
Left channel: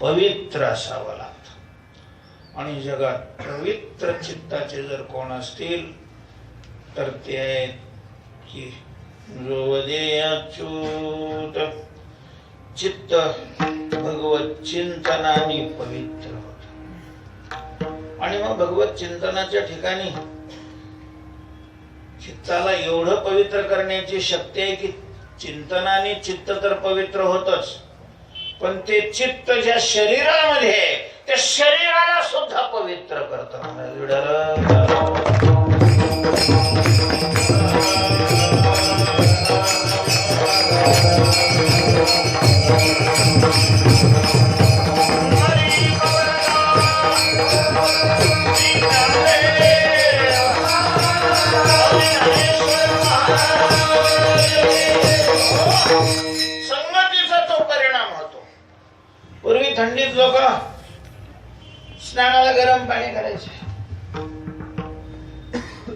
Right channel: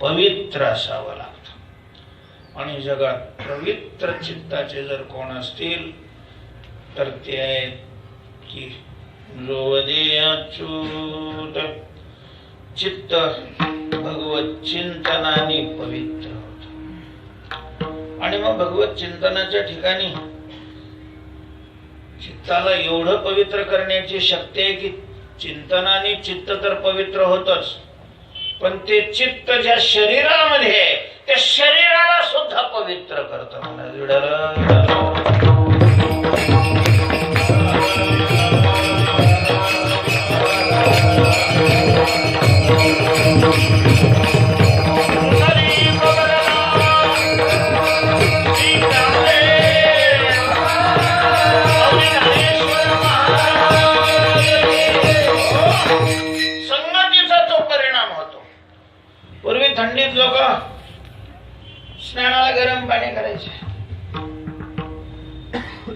पवित्र असावं लागतं. आणि जगात पवित्र चित्ताचे जर कोण असतील तर ते आहेत की जो दे अच्युत. चित्त भगवत चिंतनाने पवित्र होत. आणि मग भगवत चिंतनाच्या ठिकाणी चित्ताला एवढं पवित्र करण्याची शक्ती आहे की चिंतनाने चित्त तर पवित्र होतच, पण ते चित्त ज्या शरीरामध्ये आहे त्या शरीराला सुद्धा पवित्र करतं. संगतीचा तो परिणाम होतो. पूर्वी थंडीत लोक स्नानाला गरम पाणी करायचे.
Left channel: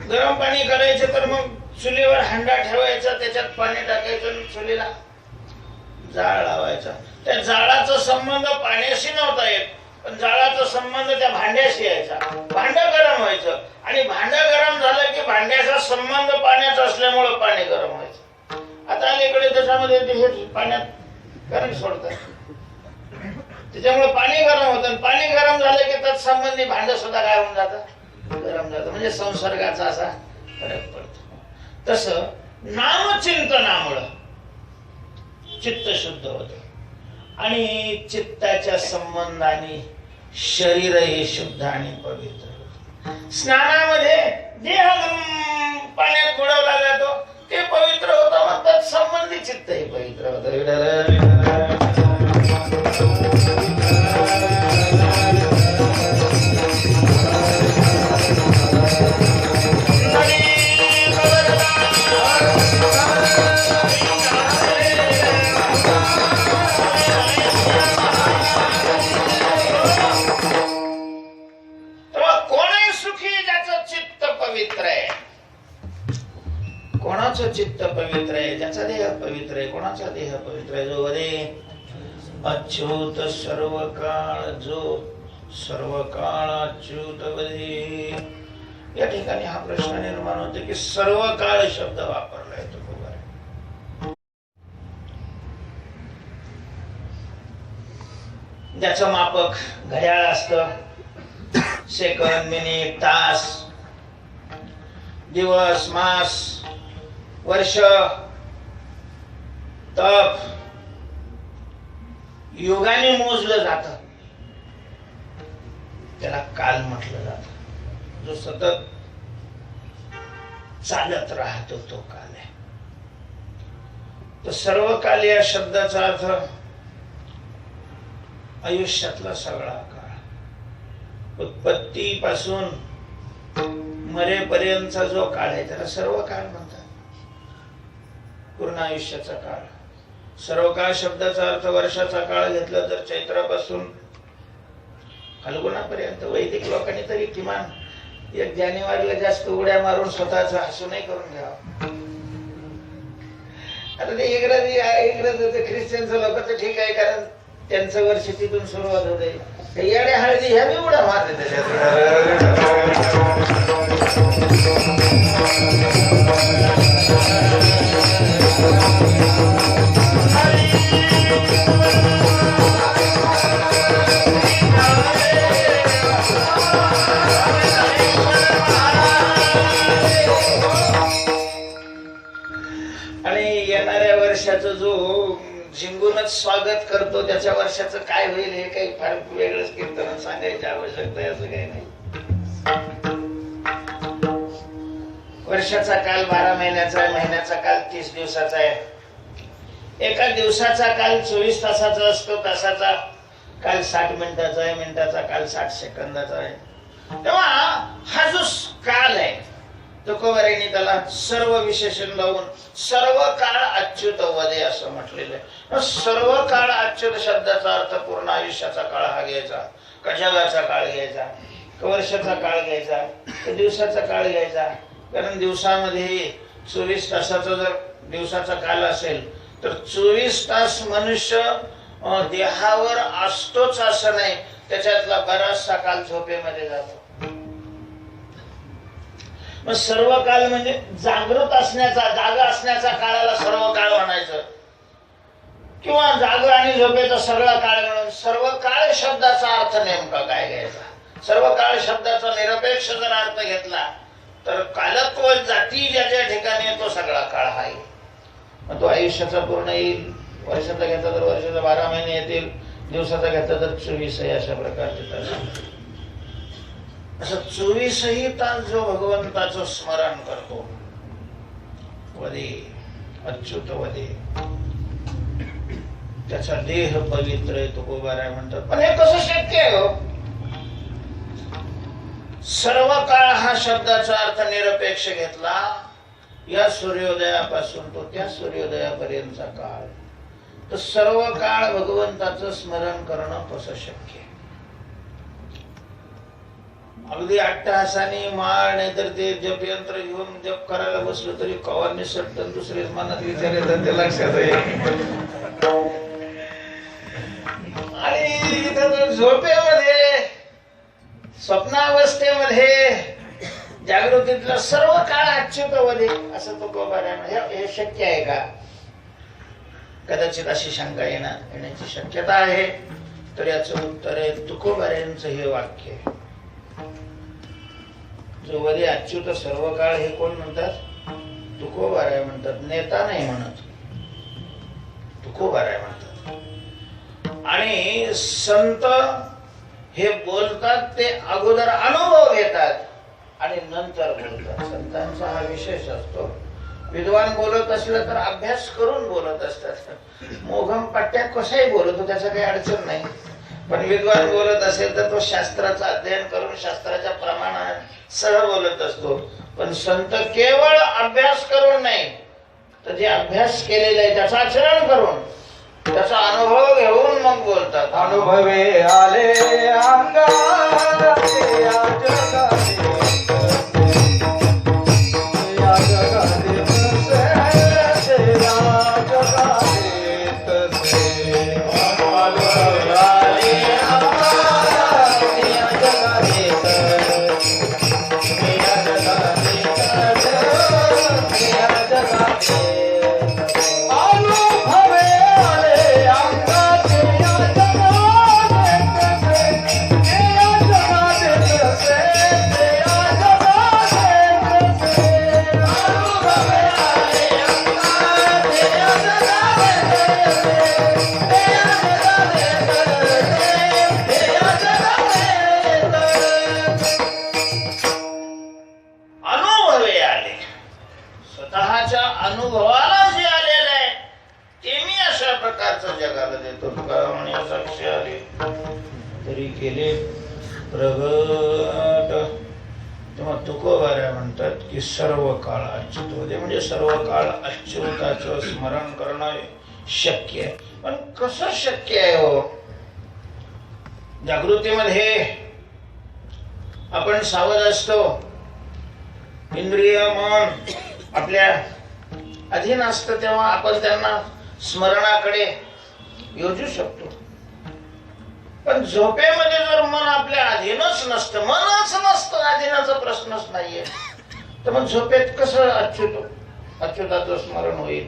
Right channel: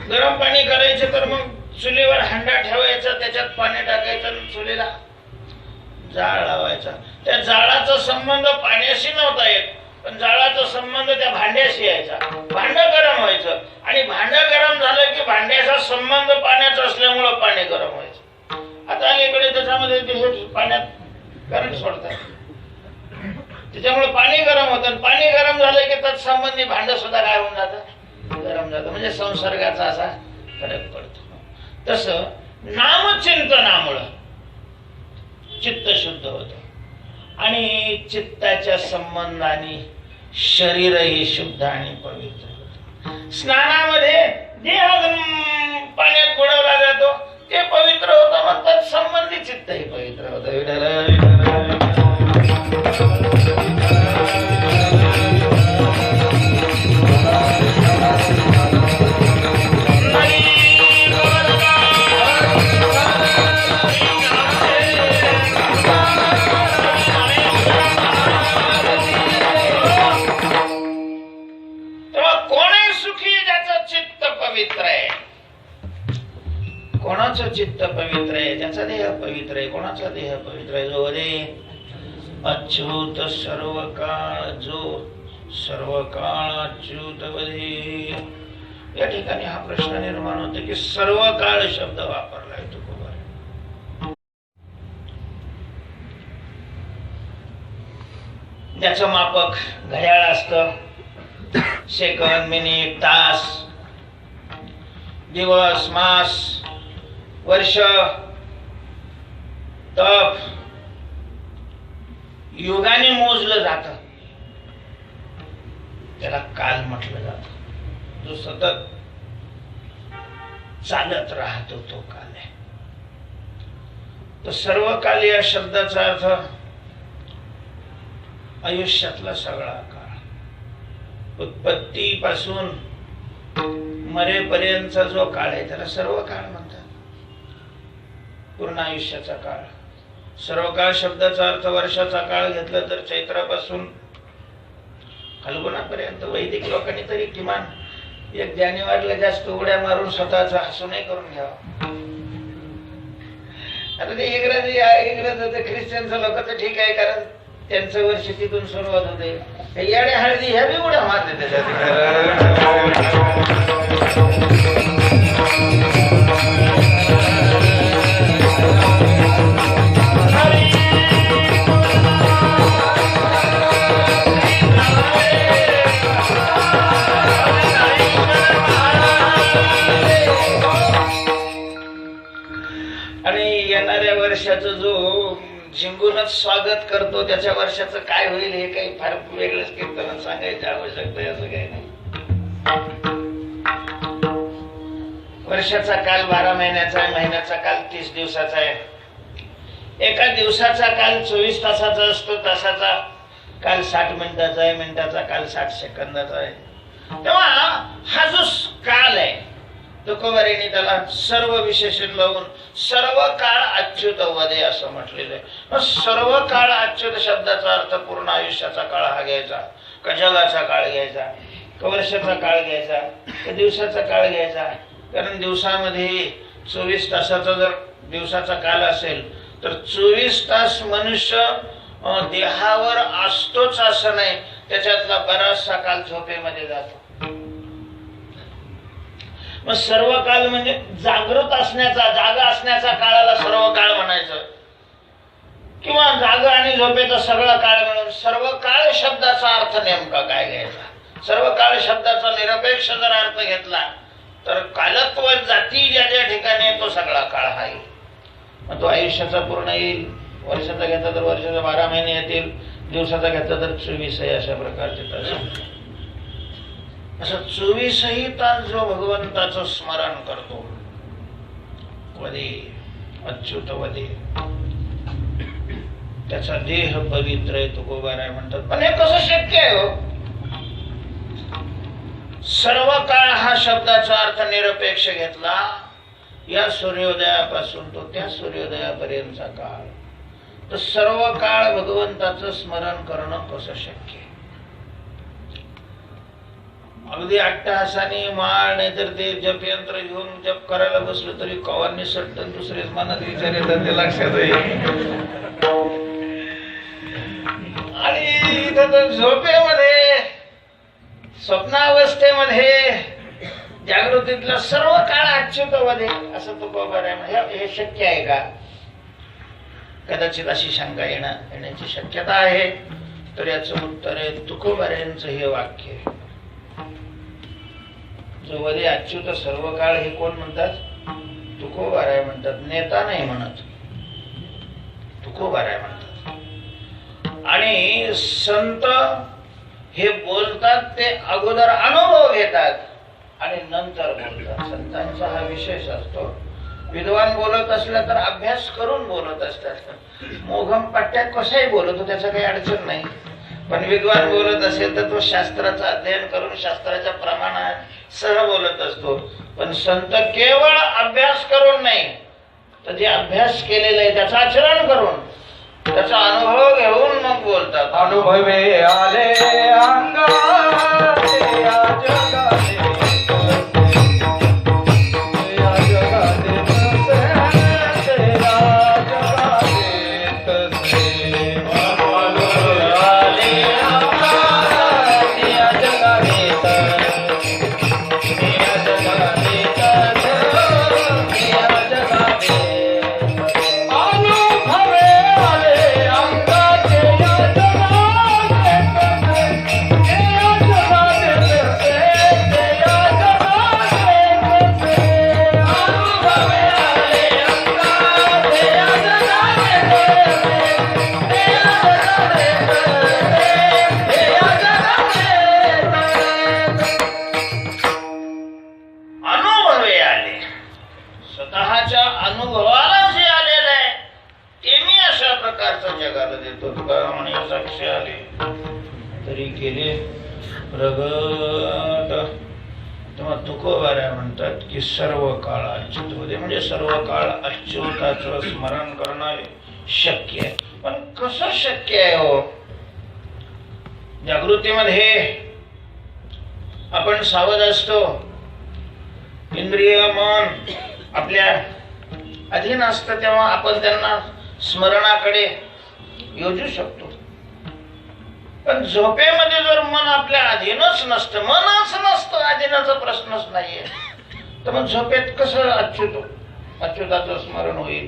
गरम पाणी करायचे तर मग चुलीवर हंडा ठेवायचा, त्याच्यात पाणी टाकायचं, चुलीला जाळ लावायचा. त्या जाळाचा संबंध पाण्याशी नव्हता येत, पण जाळाचा संबंध त्या भांड्याशी यायचा. भांड गरम व्हायचं आणि भांड गरम झालं की भांड्याचा संबंध पाण्याचा असल्यामुळे पाणी गरम व्हायचं. आता अलीकडे त्याच्यामध्ये ते पाण्यात करंट सोडतात, त्याच्यामुळे पाणी गरम होतं. पाणी गरम झालं की तत्संबंधी भांड सुद्धा काय होऊन जातं, गरम जातं. म्हणजे संसर्गाचा असा फरक पडतो. तसं नामचिंतनामुळं चित्त शुद्ध होतं आणि चित्ताच्या संबंधाने शरीरही शुद्ध आणि पवित्र होतं. स्नानामध्ये देह पाण्यात बुडवला जातो, ते पवित्र होतं, मग तत्संबंधी चित्तही पवित्र होतं. कोणाचं चित्त पवित्र आहे? ज्याचा देह पवित्र आहे. कोणाचा देह पवित्र आहे? जो दे अच्युत सर्व काळ, जो सर्व काळ अच्युत वदे. या ठिकाणी हा प्रश्न निर्माण होतो की सर्व काळ शब्द वापरलाय तो ज्याचं मापक घड्याळ असतं, सेकंद, मिनिट, तास, दिवस, मास, वर्ष, तप युगाने मोजलं जात, त्याला काल म्हटलं जात. जो सतत चालत राहतो तो काल आहे. तो सर्व काल या शब्दाचा अर्थ आयुष्यातला सगळा काळ, उत्पत्तीपासून मरेपर्यंतचा जो काळ आहे त्याला सर्व काळ म्हणतात. पूर्ण आयुष्याचा काळ. सर्व काळ शब्दाचा अर्थ वर्षाचा काळ घेतला तर चैत्रापासून फाल्गुनापर्यंत. वैदिक लोकांनी तरी किमान 1 जानेवारीला जास्त उड्या मारून स्वतःच हसूनही करून घ्यावं. आता ते इंग्रज ख्रिश्चनचं लोक तर ठीक आहे, कारण त्यांचं वर्ष तिथून सुरुवात होते. येड्या हळदी ह्या बी उड्या मारते त्याच्यात. झिंगूनच स्वागत करतो, त्याच्या वर्षाचं काय होईल हे काही फार वेगळंच कीर्तनात सांगायची आवश्यकता आहे असं काही नाही. वर्षाचा काल 12 महिन्याचा आहे, महिन्याचा काल 30 दिवसाचा आहे. एका दिवसाचा काल 24 तासाचा असतो, तासाचा काल 60 मिनिटाचा आहे, मिनिटाचा काल 60 सेकंदाचा आहे. तेव्हा हा जो काल आहे तुकोबारायांनी त्याला सर्व विशेषण लावून सर्व काळ अच्युत वदे असं म्हटलेलं आहे. सर्व काळ अच्युत शब्दाचा अर्थ पूर्ण आयुष्याचा काळ हा घ्यायचा, का जगाचा काळ घ्यायचा, का वर्षाचा काळ घ्यायचा, का दिवसाचा काळ घ्यायचा. कारण दिवसामध्ये 24 तासाचा जर दिवसाचा काल असेल तर 24 तास मनुष्य देहावर असतोच असं नाही, त्याच्यातला बराचसा काल झोपेमध्ये जातो. मग सर्व काळ म्हणजे जागृत असण्याचा, जागा असण्याचा काळाला सर्व काळ म्हणायचं, किंवा जागा आणि झोपेचा सगळा काळ मिळून सर्व काळ शब्दाचा अर्थ नेमका काय घ्यायचा. सर्व काळ शब्दाचा निरपेक्ष जर अर्थ घेतला तर कालत्व जाती ज्या ज्या ठिकाणी तो सगळा काळ आहे. मग तो आयुष्याचा पूर्ण येईल. वर्षाचा घेतला तर वर्षाचा 12 महिने येतील, दिवसाचा घेतला तर 24 आहे. अशा प्रकारचे तास. असं 24ही तास जो भगवंताचं स्मरण करतो, वदे अच्युत वदे, त्याचा देह पवित्र आहे तुकोबाराय म्हणतात. पण हे कसं शक्य आहे हो? सर्व काळ हा शब्दाचा अर्थ निरपेक्ष घेतला, या सूर्योदयापासून तो त्या सूर्योदयापर्यंतचा काळ, तर सर्व काळ भगवंताचं स्मरण करणं कसं शक्य आहे? अगदी अट्टहासाने माळ नाहीतर ते जपयंत्र घेऊन जप करायला बसलो तरी कवांनी सट्टन दुसरेच मनात विचार येतात, ते लक्षात येईल. आणि झोपेमध्ये, स्वप्नावस्थेमध्ये, जागृतीतला सर्व काळ अच्युत वदे असं तुकोबाराय हे शक्य आहे का? कदाचित अशी शंका येण्याची शक्यता आहे. तर याचं उत्तर आहे तुकोबारायांचं हे वाक्य आहे. जो वदे अच्युत सर्व काळ हे कोण म्हणतात? तुकोबाराय म्हणतात. नेता नाही म्हणत, तुकोबाराय म्हणतात. आणि संत हे बोलतात ते अगोदर अनुभव घेतात आणि नंतर बोलतात. संतांचा हा विशेष असतो. विद्वान बोलत असलं तर अभ्यास करून बोलत असतात. मोघम पट्ट्यात कसाही बोलतो, त्याचं काही अडचण नाही. पण विद्वान बोलत असेल तर तो शास्त्राचं अध्ययन करून शास्त्राच्या प्रमाणात सह बोलत असतो. पण संत केवळ अभ्यास करून नाही, तर जे अभ्यास केलेला आहे त्याचं आचरण करून, त्याचा अनुभव घेऊन मग बोलतात. अनुभवे आले अंगाते जगाते जगाला देतो. तुका म्हणे साक्षी आले तरी केले प्रगट. तेव्हा तुकोबाऱ्या म्हणतात की सर्व काळ अच्युत होते, म्हणजे सर्व काळ अच्युताचं स्मरण करणारे शक्य आहे. पण कसं शक्य आहे हो? जागृतीमध्ये आपण सावध असतो, इंद्रिय मन आपल्या अधीन असतं, तेव्हा आपण त्यांना स्मरणाकडे योजू शकतो. पण झोपेमध्ये जर मन आपल्या अधीनच नसतं, मनच नसतं, अधीनाचा प्रश्नच नाहीये, तर मग झोपेत कसं अच्युताचं स्मरण होईल?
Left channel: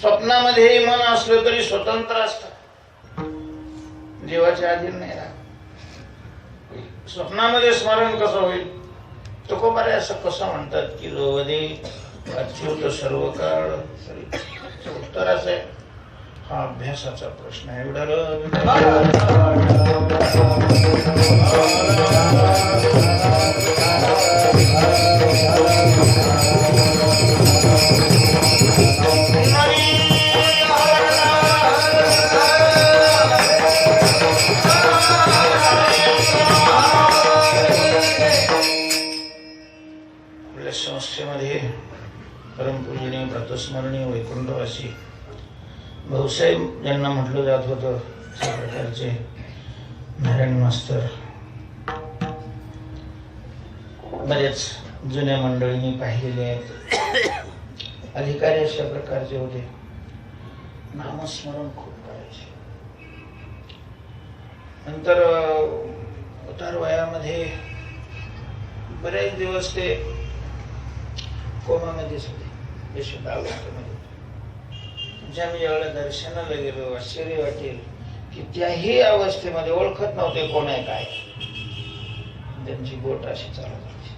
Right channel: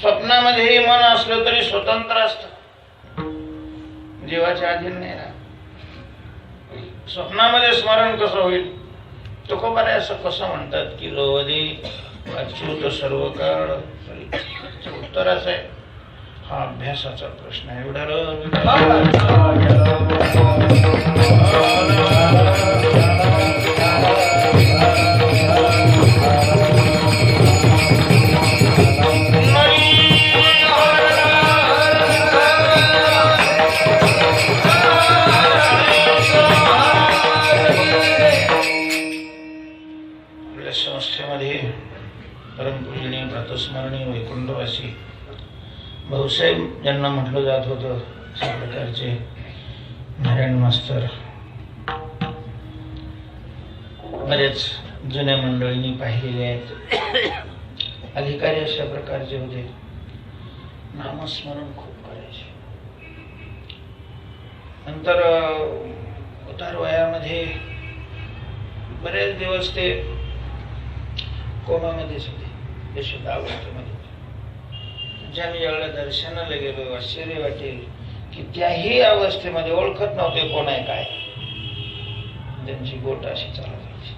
स्वप्नामध्येही मन असलं तरी स्वतंत्र असतं, जीवाच्या अधीन नाही ना. स्वप्नामध्ये स्मरण कसं होईल? तुकोबारे असं कसं म्हणतात की रोवदे अच्युत सर्व काळ. उत्तर असं आहे, हा अभ्यासाचा प्रश्न आहे. आपल्या संस्थेमध्ये परमपूजनीय प्रातस्मरणीय वैकुंठवासी भाऊसाहेब ज्यांना म्हटलं जात होतं, अशा प्रकारचे नारायण मास्तर बरेच जुन्या मंडळींनी पाहिलेले आहेत. अधिकारी अशा प्रकारचे होते, नामस्मरण खूप करायचे. नंतर उतार वयामध्ये बरेच दिवस ते कोमामध्येच होते, बेशुद्धावस्थेमध्ये. ज्यावेळी ज्यावेळेला दर्शनाला गेलो, आश्चर्य वाटेल की त्याही अवस्थेमध्ये ओळखत नव्हते कोण आहे काय. त्यांची बोट अशी चालत होती,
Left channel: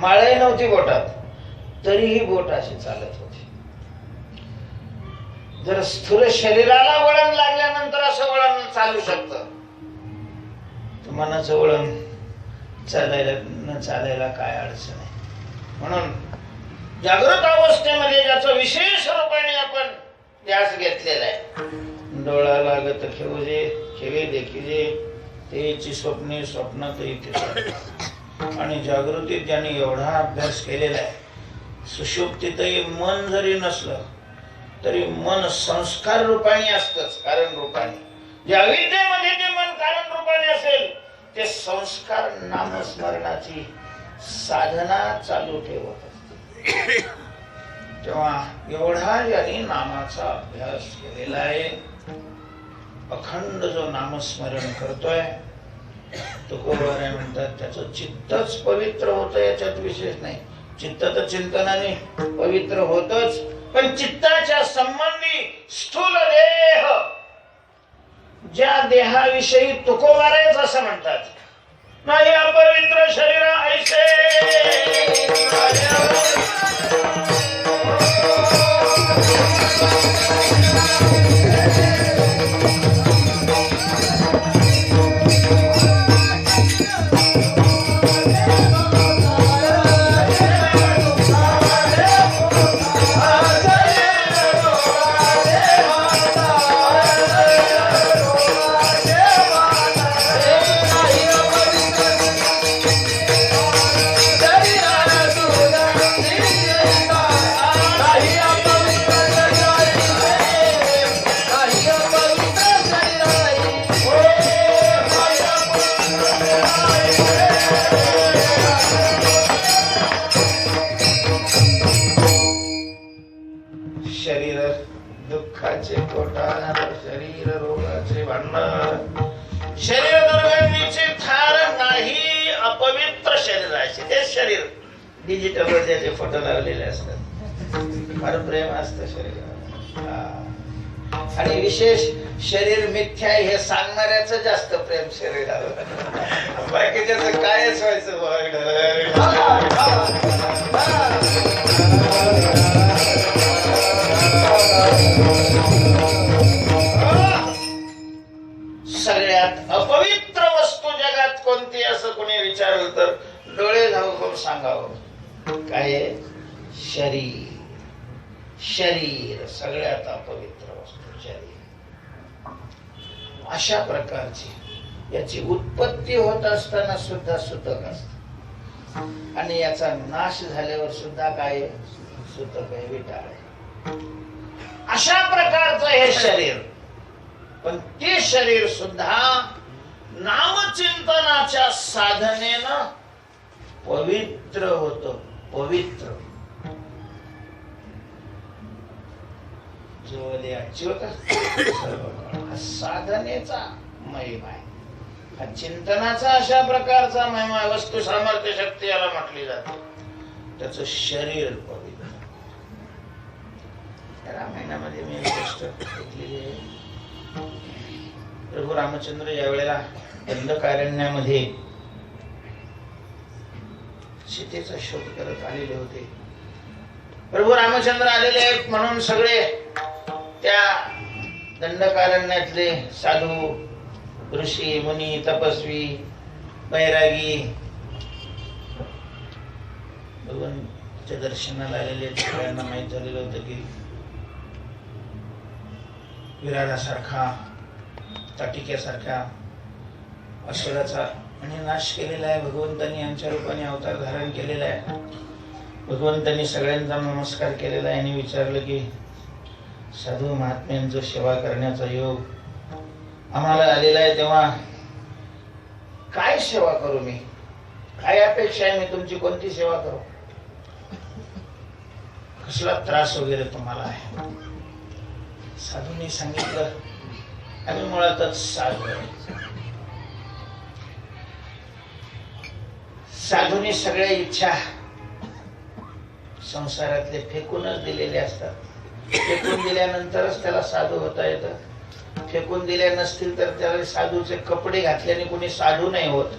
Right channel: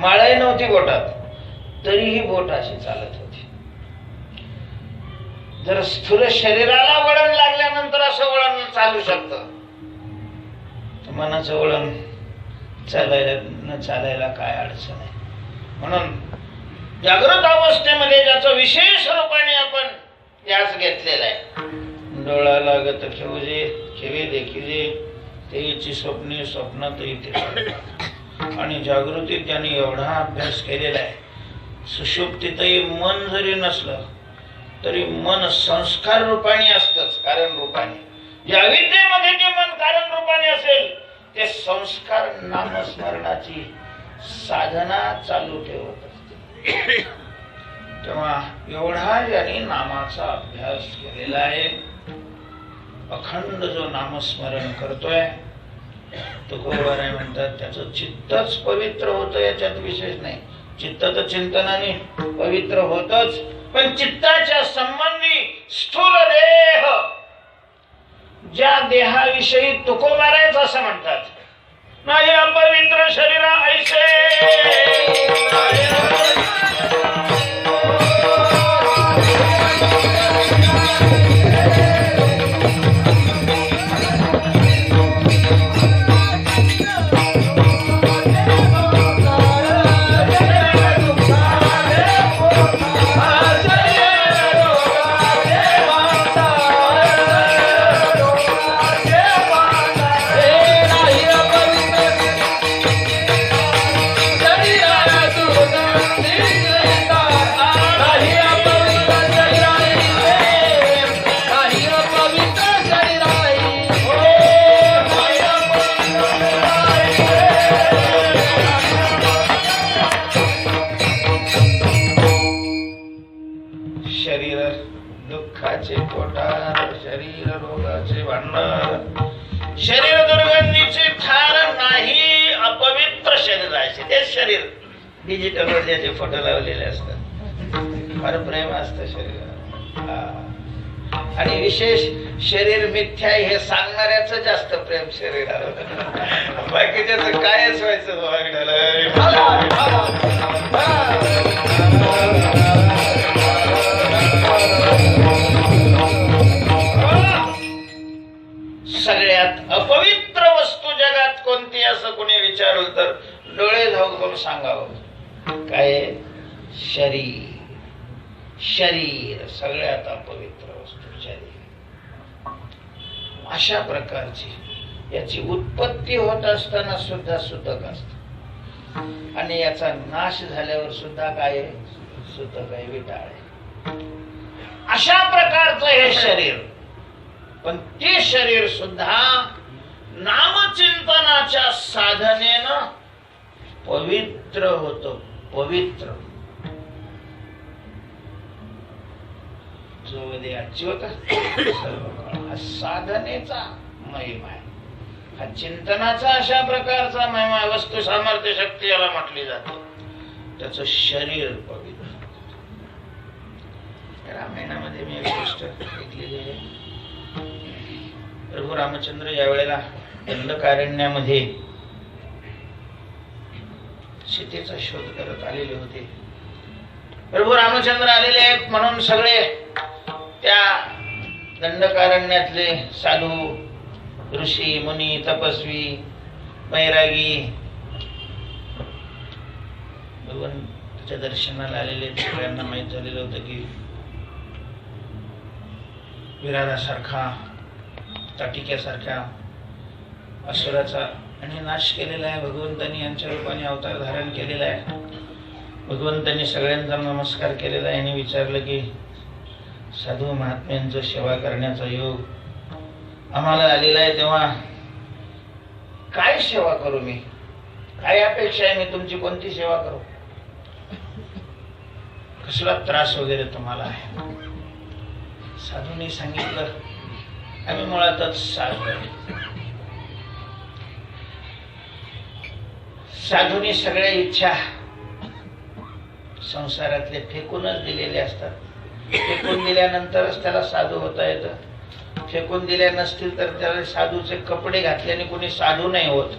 माळही नव्हती बोटात, तरीही बोट अशी चालत होती. जर स्थूल शरीराला वळण लागल्यानंतर असं वळण चालू शकतं, मनाचं वळण चालायला काय अडचण आहे. म्हणून जागृत अवस्थेमध्ये ज्याचं विशेष रूपाने आपण ध्यास घेतलेला आहे, डोळा लागत खेवे देखिजे तेची स्वप्ने स्वप्नातही ते. आणि जागृतीत ज्यांनी एवढा अभ्यास केलेला आहे, सुषुप्तीतही मन जरी नसलं तरी मन संस्कार रूपाने असतंच, कारण रूपाने. ज्या अविद्येमध्ये जे मन कारण रूपाने असेल, ते संस्कार नामस्मरणाची साधना चालू ठेवत असते. तेव्हा एवढा ज्यांनी नामाचा अभ्यास केलेला आहे, अखंड जो नामस्मरण करतोय, तुकोबारे म्हणतात त्याचं चित्तच पवित्र होतं, याच्यात विशेष नाही. चित्त तर चिंतनाने पवित्र होतच, पण चित्ताच्या संबंधी स्थूल देह, ज्या देहाविषयी तुकोबारेच असं म्हणतात, माझे अपवित्र शरीरा ऐसे डिजिटल वर ज्याचे फोटो लावलेले असतात, फार प्रेम असतं शरीराला. आणि विशेष शरीर मिथ्या हे सांगणाऱ्याचं जास्त प्रेम शरीराला. बाकीच्याच कायच व्हायचं सगळ्यात अपवित्र वस्तू जगात कोणती असं कोणी विचारलं तर डोळे झाकून सांगावं, काय? शरीर. शरीर सगळ्यात अपवित्र वस्तू शरीर. अशा प्रकारची याची उत्पत्ती होत असताना सुद्धा सुतक असते आणि याचा नाश झाल्यावर सुद्धा काय सुतक आहे, विटाळ आहे. अशा प्रकारचं हे शरीर, पण ते शरीर सुद्धा नामचिंतनाच्या साधनेनं पवित्र होत. पवित्र जो अच्युत हा साधनेचा महिमा आहे, हा चिंतनाचा अशा प्रकारचा महिमा. वस्तू सामर्थ्य शक्ती याला म्हटली जाते. त्याच शरीर पवित्र. रामायणामध्ये मी एक गोष्ट ऐकलेली आहे. प्रभू रामचंद्र ज्या वेळेला दंडकारण्यामध्ये सीतेचा शोध करत आलेले होते. प्रभू रामचंद्र आलेले आहेत म्हणून सगळे त्या दंडकारण्यातले साधू, ऋषी, मुनी, तपस्वी, बैरागी भगवंताच्या दर्शनाला आलेले सगळ्यांना माहित झालेलं होतं की विरालासारखा, ताटिक्यासारख्या असुराचा आणि नाश केलेला आहे. भगवंतांनी यांच्या रूपाने अवतार धारण केलेला आहे. भगवंतांनी सगळ्यांचा नमस्कार केलेला आहे आणि विचारलं की साधू महात्म्यांचं सेवा करण्याचा योग आम्हाला आलेला आहे, तेव्हा काय सेवा करू मी? काय अपेक्षा आहे? मी तुमची कोणती सेवा करू? कसला त्रास वगैरे तुम्हाला आहे? साधूंनी सांगितलं आम्ही मुळातच साधू आहे. साधूंनी सगळ्या इच्छा संसारातले फेकूनच दिलेले असतात. फेकून दिल्यानंतरच त्याला साधू होता येतं. फेकून दिल्या नसतील तर त्याला साधूचे कपडे घातल्याने कोणी साधू नाही होत.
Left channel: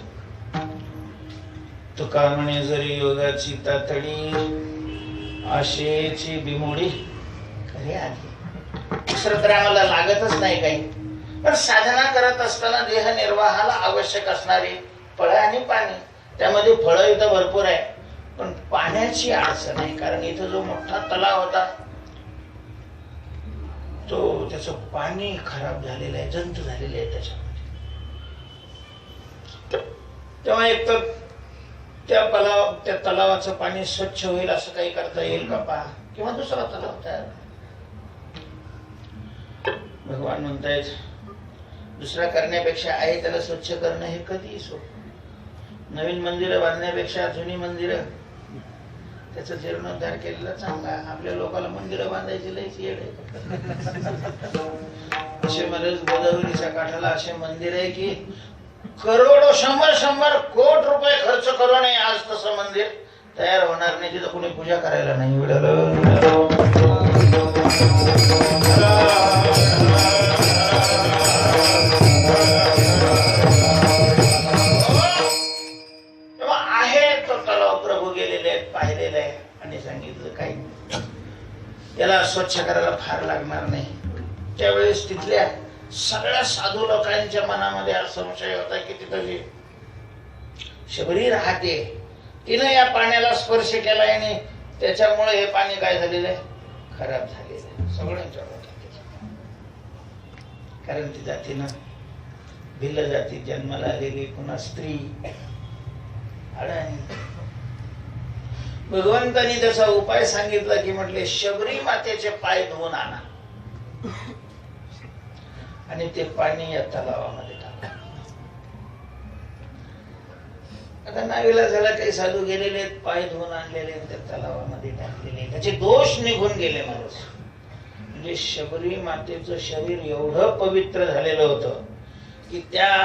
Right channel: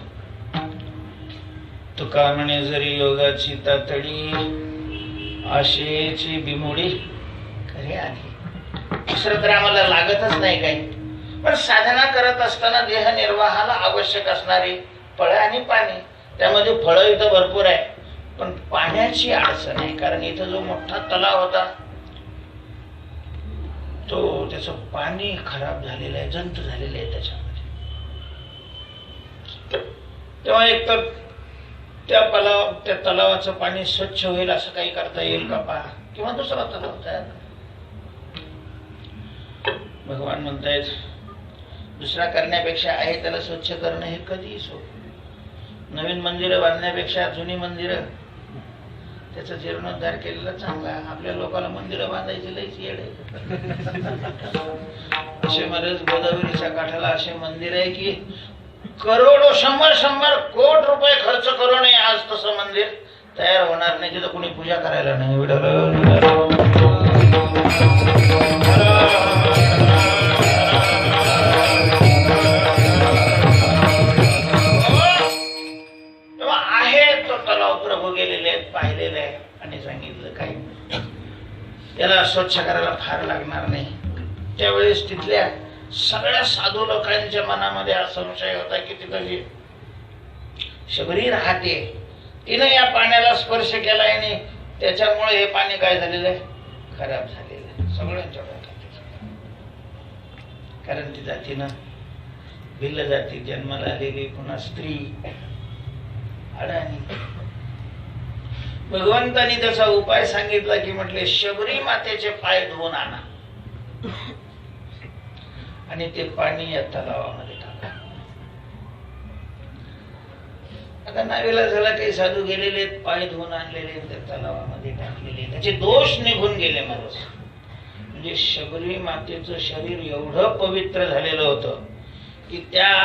तुका म्हणे जरी योगाची तातडी, आशेची बिमोडी खरी आली. दुसरं तर आम्हाला लागतच नाही काही. पण साधना करत असताना देह निर्वाहाला आवश्यक असणारे फळ आणि पाणी, त्यामध्ये फळं इथं भरपूर आहे पण पाण्याची अडचण आहे. कारण इथं जो मोठा तलाव होता तो त्याचं पाणी खराब झालेलं आहे, जंत झालेले आहे त्याच्यामध्ये. तेव्हा एक तर त्या तलावाचं पाणी स्वच्छ होईल असं काही करता येईल का पहा, किंवा दुसरा तलाव तयार. भगवान म्हणतायत दुसरा करण्यापेक्षा आहे त्याला स्वच्छ करणं हे कधीही सोपं. नवीन मंदिरं बांधण्यापेक्षा जुनी मंदिरं त्याचा जीर्णोद्धार केलेला चांगला. आपल्या लोकांना मंदिरं बांधायची लयच येड आहे. असे बरेच गोदावरीच्या काठाला असे मंदिर आहे की करोडो 100 कोटी रुपये खर्च करू नये आज तसं मंदिर तयार होणार नाही. तिथं कोणी पूजा करायला नाही. त्याला स्वच्छ करायला फार लागणार नाही. त्यावेळेस तिथल्या सगळ्या साधू लोकांच्या मनामध्ये हा संशय होता की तिथे शबरी राहते, तिनं या पाण्याला स्पर्श केलाय आणि त्याच्यामुळे हे पाणी काय झालेलं आहे, खराब झालेलं आहे. सगळ्यांच्या डोक्यात. कारण ती जातीनं भिल्ल जाती जन्माला आलेली, पुन्हा स्त्री अडाणी. भगवंतांनी त्याचा उपाय सांगितला की म्हटले शबरी मातेचे पाय धुवून आणा आणि ते पाणी या तलावामध्ये टाका. आता नावीला झाला काही साधू गेलेले पाय धुवून आणलेले त्या तलावामध्ये टाकलेले, त्याचे दोष निघून गेले. म्हणजे शबरी मातेचं शरीर एवढं पवित्र झालेलं होतं की त्या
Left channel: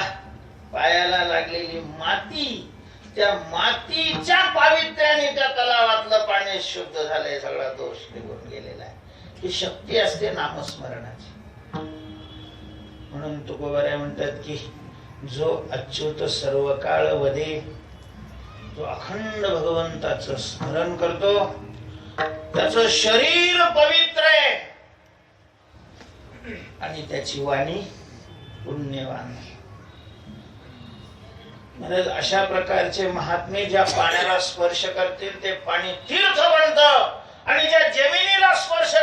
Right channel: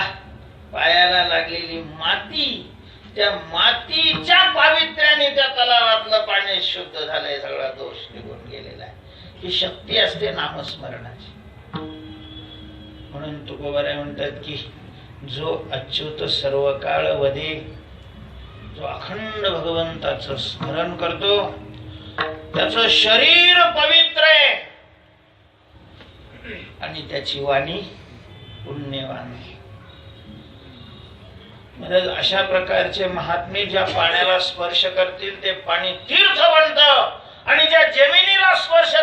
पायाला लागलेली माती, त्या मातीच्या पावित्र्याने त्या तलावातलं पाणी शुद्ध झालंय. सगळा दोष निघून गेलेला आहे. ही शक्ती असते नामस्मरणाची. म्हणून तुकोबाराय म्हणतात की जो अच्युत सर्व काळ वदे, जो अखंड भगवंताचं स्मरण करतो त्याचं शरीर पवित्र आहे आणि त्याची वाणी पुण्यवान. अशा प्रकारचे महात्मे ज्या पाण्याला स्पर्श करतील ते पाणी तीर्थ बनतं आणि ज्या जमिनीला स्पर्श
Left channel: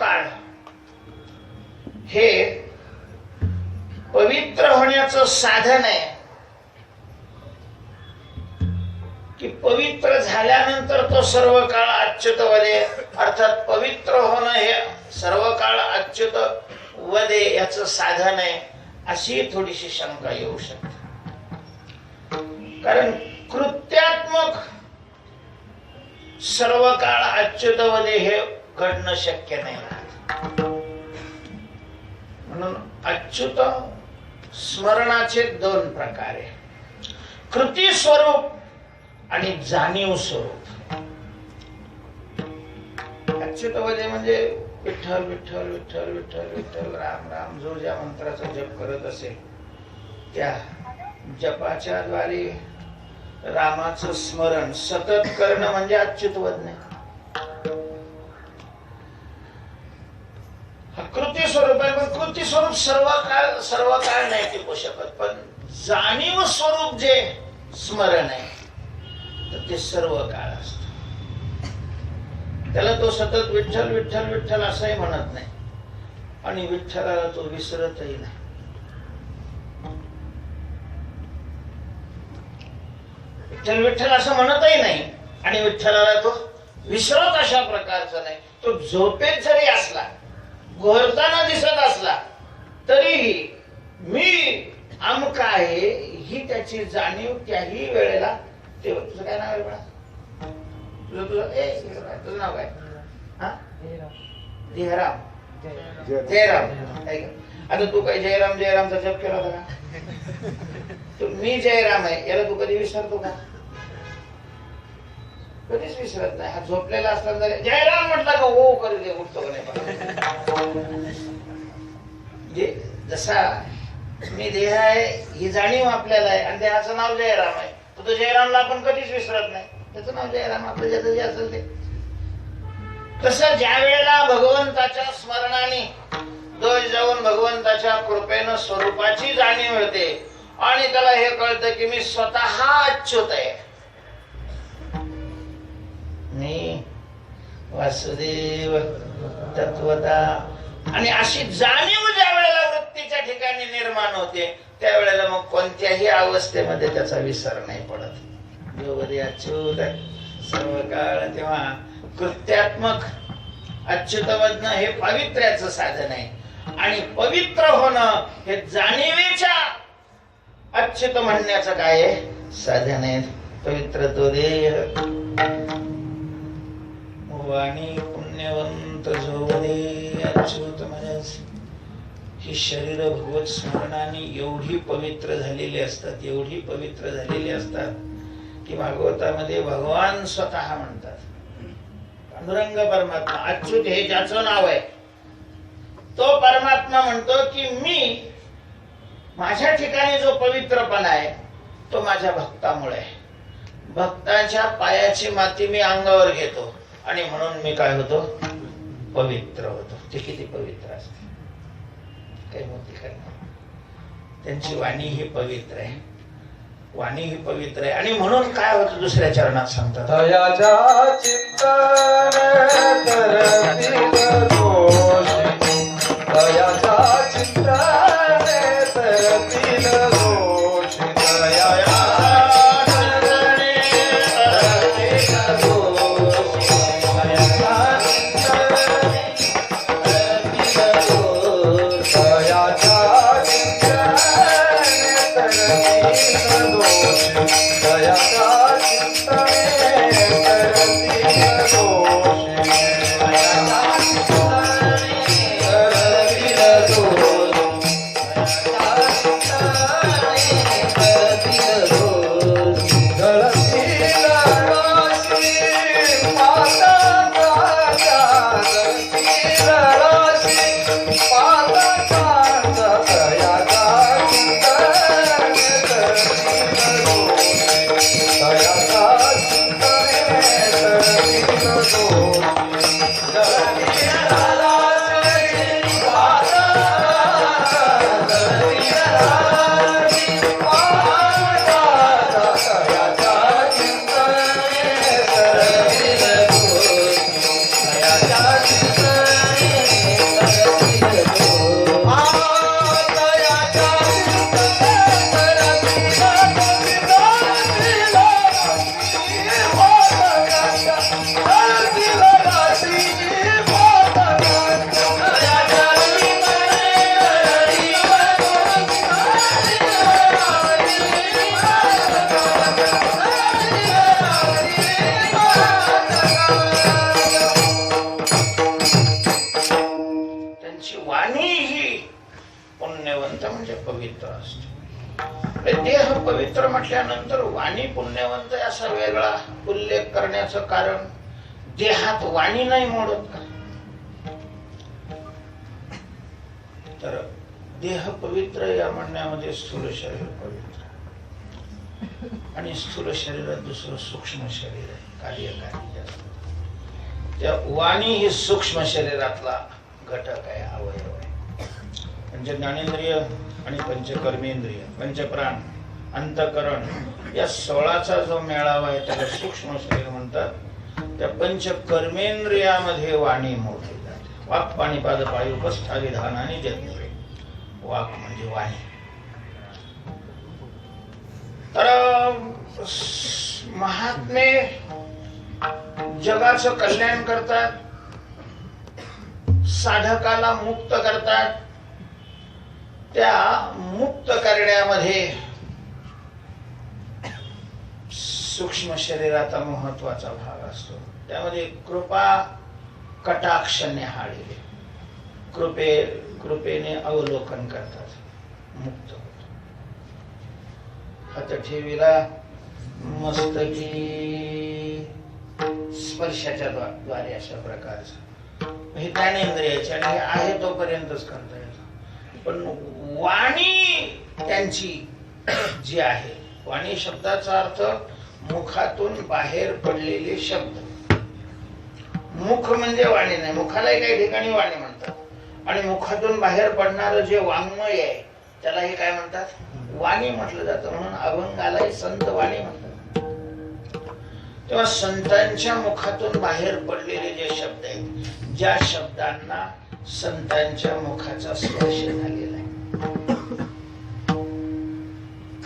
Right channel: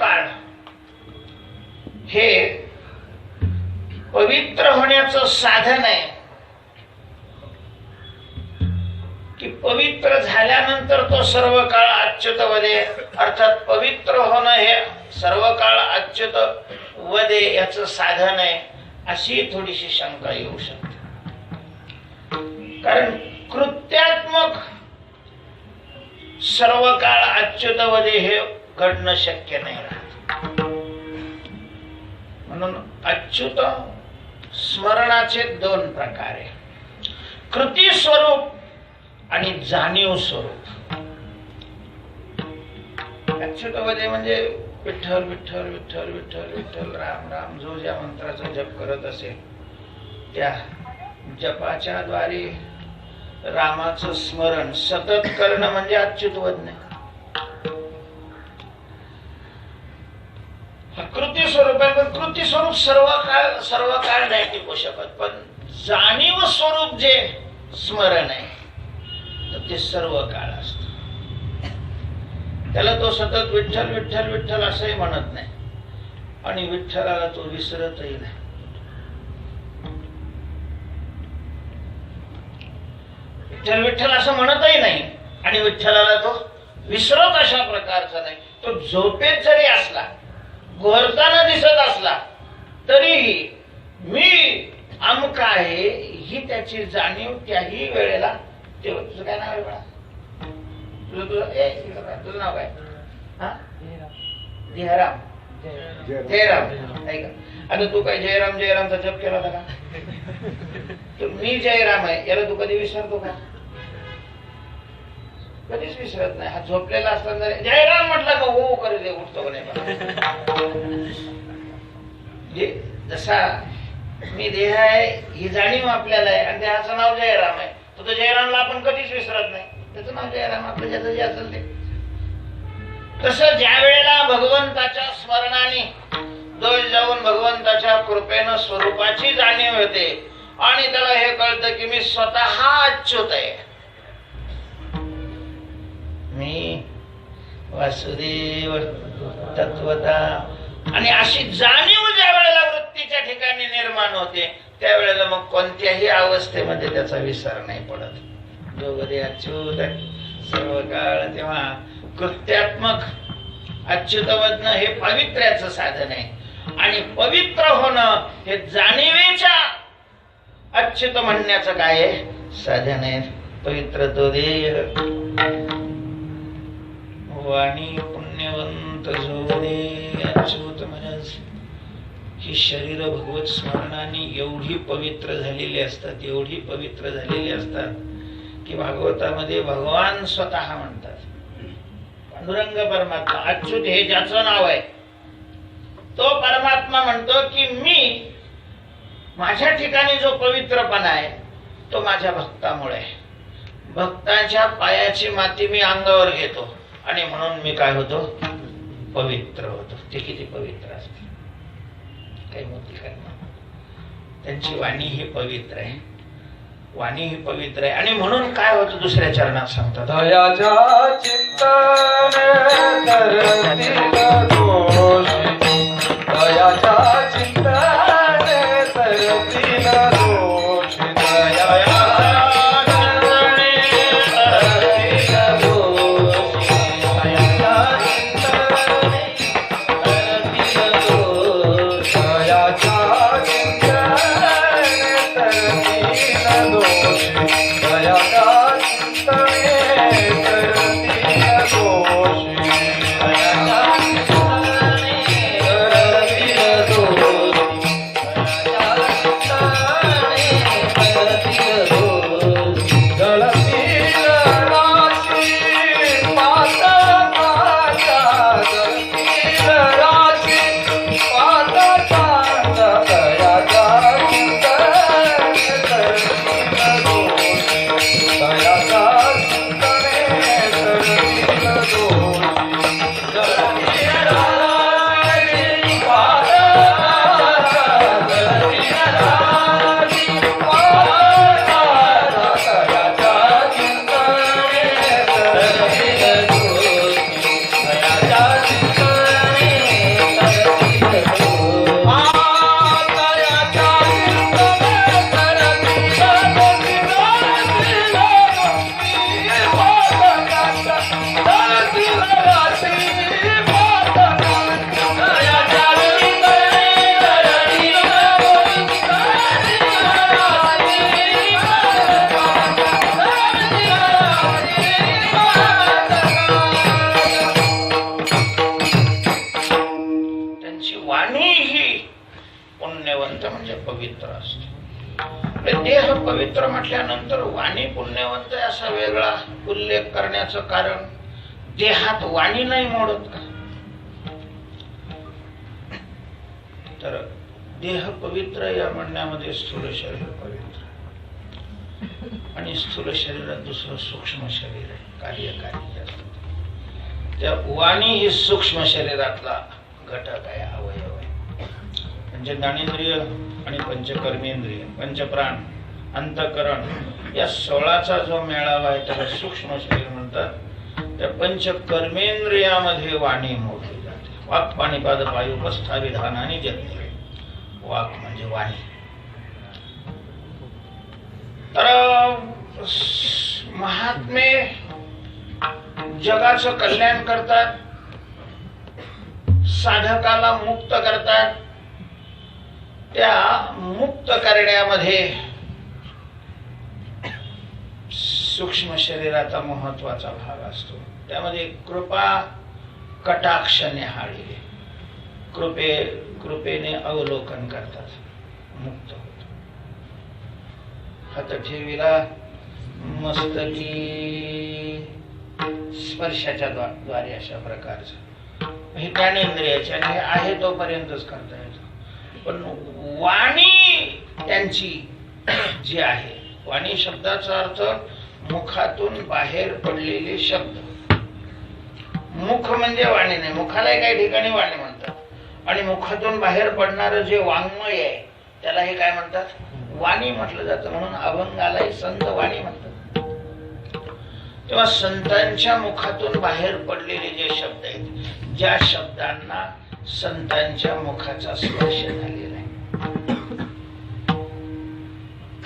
काळ हे पवित्र होण्याचं साधन आहे की पवित्र झाल्यानंतर तो सर्व काळ अच्युत वदे, अर्थात पवित्र होणं हे सर्व काळ अच्युत वदे याचं साधन आहे, अशी थोडीशी शंका येऊ शकते. कारण कृत्यात्मक सर्व काळ अच्युत वदे हे घडणं शक्य नाही. म्हणून अच्युत स्मरणाचे दोन प्रकार आहे, कृती स्वरूप आणि जाणीव स्वरूप. अच्युत वदे म्हणजे विठ्ठल विठ्ठल विठ्ठल विठ्ठल विठ्ठल राम राम जो ज्या मंत्राचा जप करत असेल त्या जपाच्या द्वारे रामाचं स्मरण सतत करणं म्हणजे अच्युतवद नाही. कृती स्वरूप आहे, पण कृती स्वरूप सर्व काळ नाही टिकू शकत. पण जाणीव स्वरूप जे स्मरण आहे तर ते सर्व काळ असत. त्याला तो सतत विठ्ठल विठ्ठल विठ्ठल असंही म्हणत नाही आणि विठ्ठलाला तो विसरतही नाही. विठ्ठल विठ्ठल असं म्हणतही नाही आणि विठ्ठलाला तो विसरत अशा प्रकारचा नाही. तो झोपेत जरी असला, घोरताना दिसत असला तरीही मी अमुक आहे ही त्याची जाणीव त्याही वेळेला. तुझं काय नाव आहे बा? तुझं नाव काय? जयराम. जयराम. आता तू काय जयराम जयरामचा जप केला होता का? तू मी जयराम आहे याला तू कधी विसरतो का? कधीच विसरत नाही. हा झोपलेला असताना जयराम म्हटलं का हो करू दे, उठतो नाही. जसा मी देह आहे ही जाणीव आपल्याला आहे आणि देहाचं नाव जयराम आहे. तो जयरामला आपण कधीच विसरत नाही. त्याचं नाव जयराम, आपलं ज्याचं जे असेल ते. तसं ज्या वेळेला भगवंताच्या स्मरणाने डोळे जाऊन भगवंताच्या कृपेनं स्वरूपाची जाणीव होते आणि त्याला हे कळतं की मी स्वतः अच्युत आहे, मी वासुदेव तत्वता. आणि अशी जाणीव ज्या वेळेला वृत्तीच्या ठिकाणी निर्माण होते त्यावेळेला मग कोणत्याही अवस्थेमध्ये त्याचा विसर नाही पडत. जोगदे अच्युत सर्व काळ. तेव्हा कृत्यात्मक अच्युतवदन हे पावित्र्याचं साधन आहे आणि पवित्र होणं हे जाणीवेच्या अच्युत म्हणण्याचं काय साधन आहे. पवित्र तो देह वाणी पुण्यवंत जोगदे अच्युत महाराज. ही शरीर भगवत स्मरणाने एवढी पवित्र झालेली असतात, एवढी पवित्र झालेली असतात की भागवतामध्ये भगवान स्वतः म्हणतात, पांडुरंग परमात्मा अच्युत हे ज्याचं नाव आहे तो परमात्मा म्हणतो की मी माझ्या ठिकाणी जो पवित्रपणा आहे तो माझ्या भक्तामुळे आहे. भक्तांच्या पायाची माती मी अंगावर घेतो आणि म्हणून मी काय होतो, पवित्र होतो. ते किती पवित्र असते, काही मोठी काय. त्यांची वाणी ही पवित्र आहे, वाणी ही पवित्र आहे. आणि म्हणून काय होतं दुसऱ्या चरणात सांगतात, दयाच्या चिंतन करतील दोष, दयाच्या चिंतन करतील दोष, दयाच्या पुण्यवंत म्हणजे पवित्र असतो. देह पवित्र म्हटल्यानंतर वाणी पुण्यवंत असा वेगळा उल्लेख करण्याचं कारण, देहात वाणी नाही मोडत का? तर देह पवित्र या म्हणण्यामध्ये स्थूल शरीर पवित्र, आणि स्थूल शरीरात दुसरं सूक्ष्म शरीर आहे, कार्यकारी असतं. त्या वाणी ही सूक्ष्म शरीरातला घटक आहे, अवयव आहे. म्हणजे ज्ञानेंद्रिय आणि पंचकर्मेंद्रिय, पंचप्राण, अंतःकरण या 16चा जो मेळावा आहे त्याला सूक्ष्म शरीर म्हणतात. त्या पंचकर्मेंद्रियामध्ये वाणी मोडली जाते. वाक् पाणिपाद पायुपस्था विधानाने जन्मे. वाक् म्हणजे वाणी. तर महात्मे जगाचं कल्याण करतात, साधकाला मुक्त करतात. त्या मुक्त करण्यामध्ये सूक्ष्म शरीराचा महत्वाचा भाग असतो. त्यामध्ये कृपा कटाक्ष न्याहाळी, कृपेने अवलोकन करतात, मुक्त होतो. हात ठेविला मस्तकी स्पर्शाच्या द्वारे अशा प्रकारचं हे ज्ञानेंद्रियाचे आणि आहे तोपर्यंतच करता येतं. पण वाणी त्यांची जी आहे, वाणी शब्दाचा अर्थ मुखातून बाहेर पडलेले शब्द. मुख म्हणजे वाणी नाही, मुखाला काही ठिकाणी वाणी म्हणतात. आणि मुखातून बाहेर पडणारं जे वाङ्मय आहे त्याला हे काय म्हणतात? वाणी म्हटलं जातं. म्हणून अभंगालाही संत वाणी म्हणतात. तेव्हा संतांच्या मुखातून बाहेर पडलेले जे शब्द आहेत, ज्या शब्दांना संतांच्या मुखाचा स्पर्श झालेला आहे.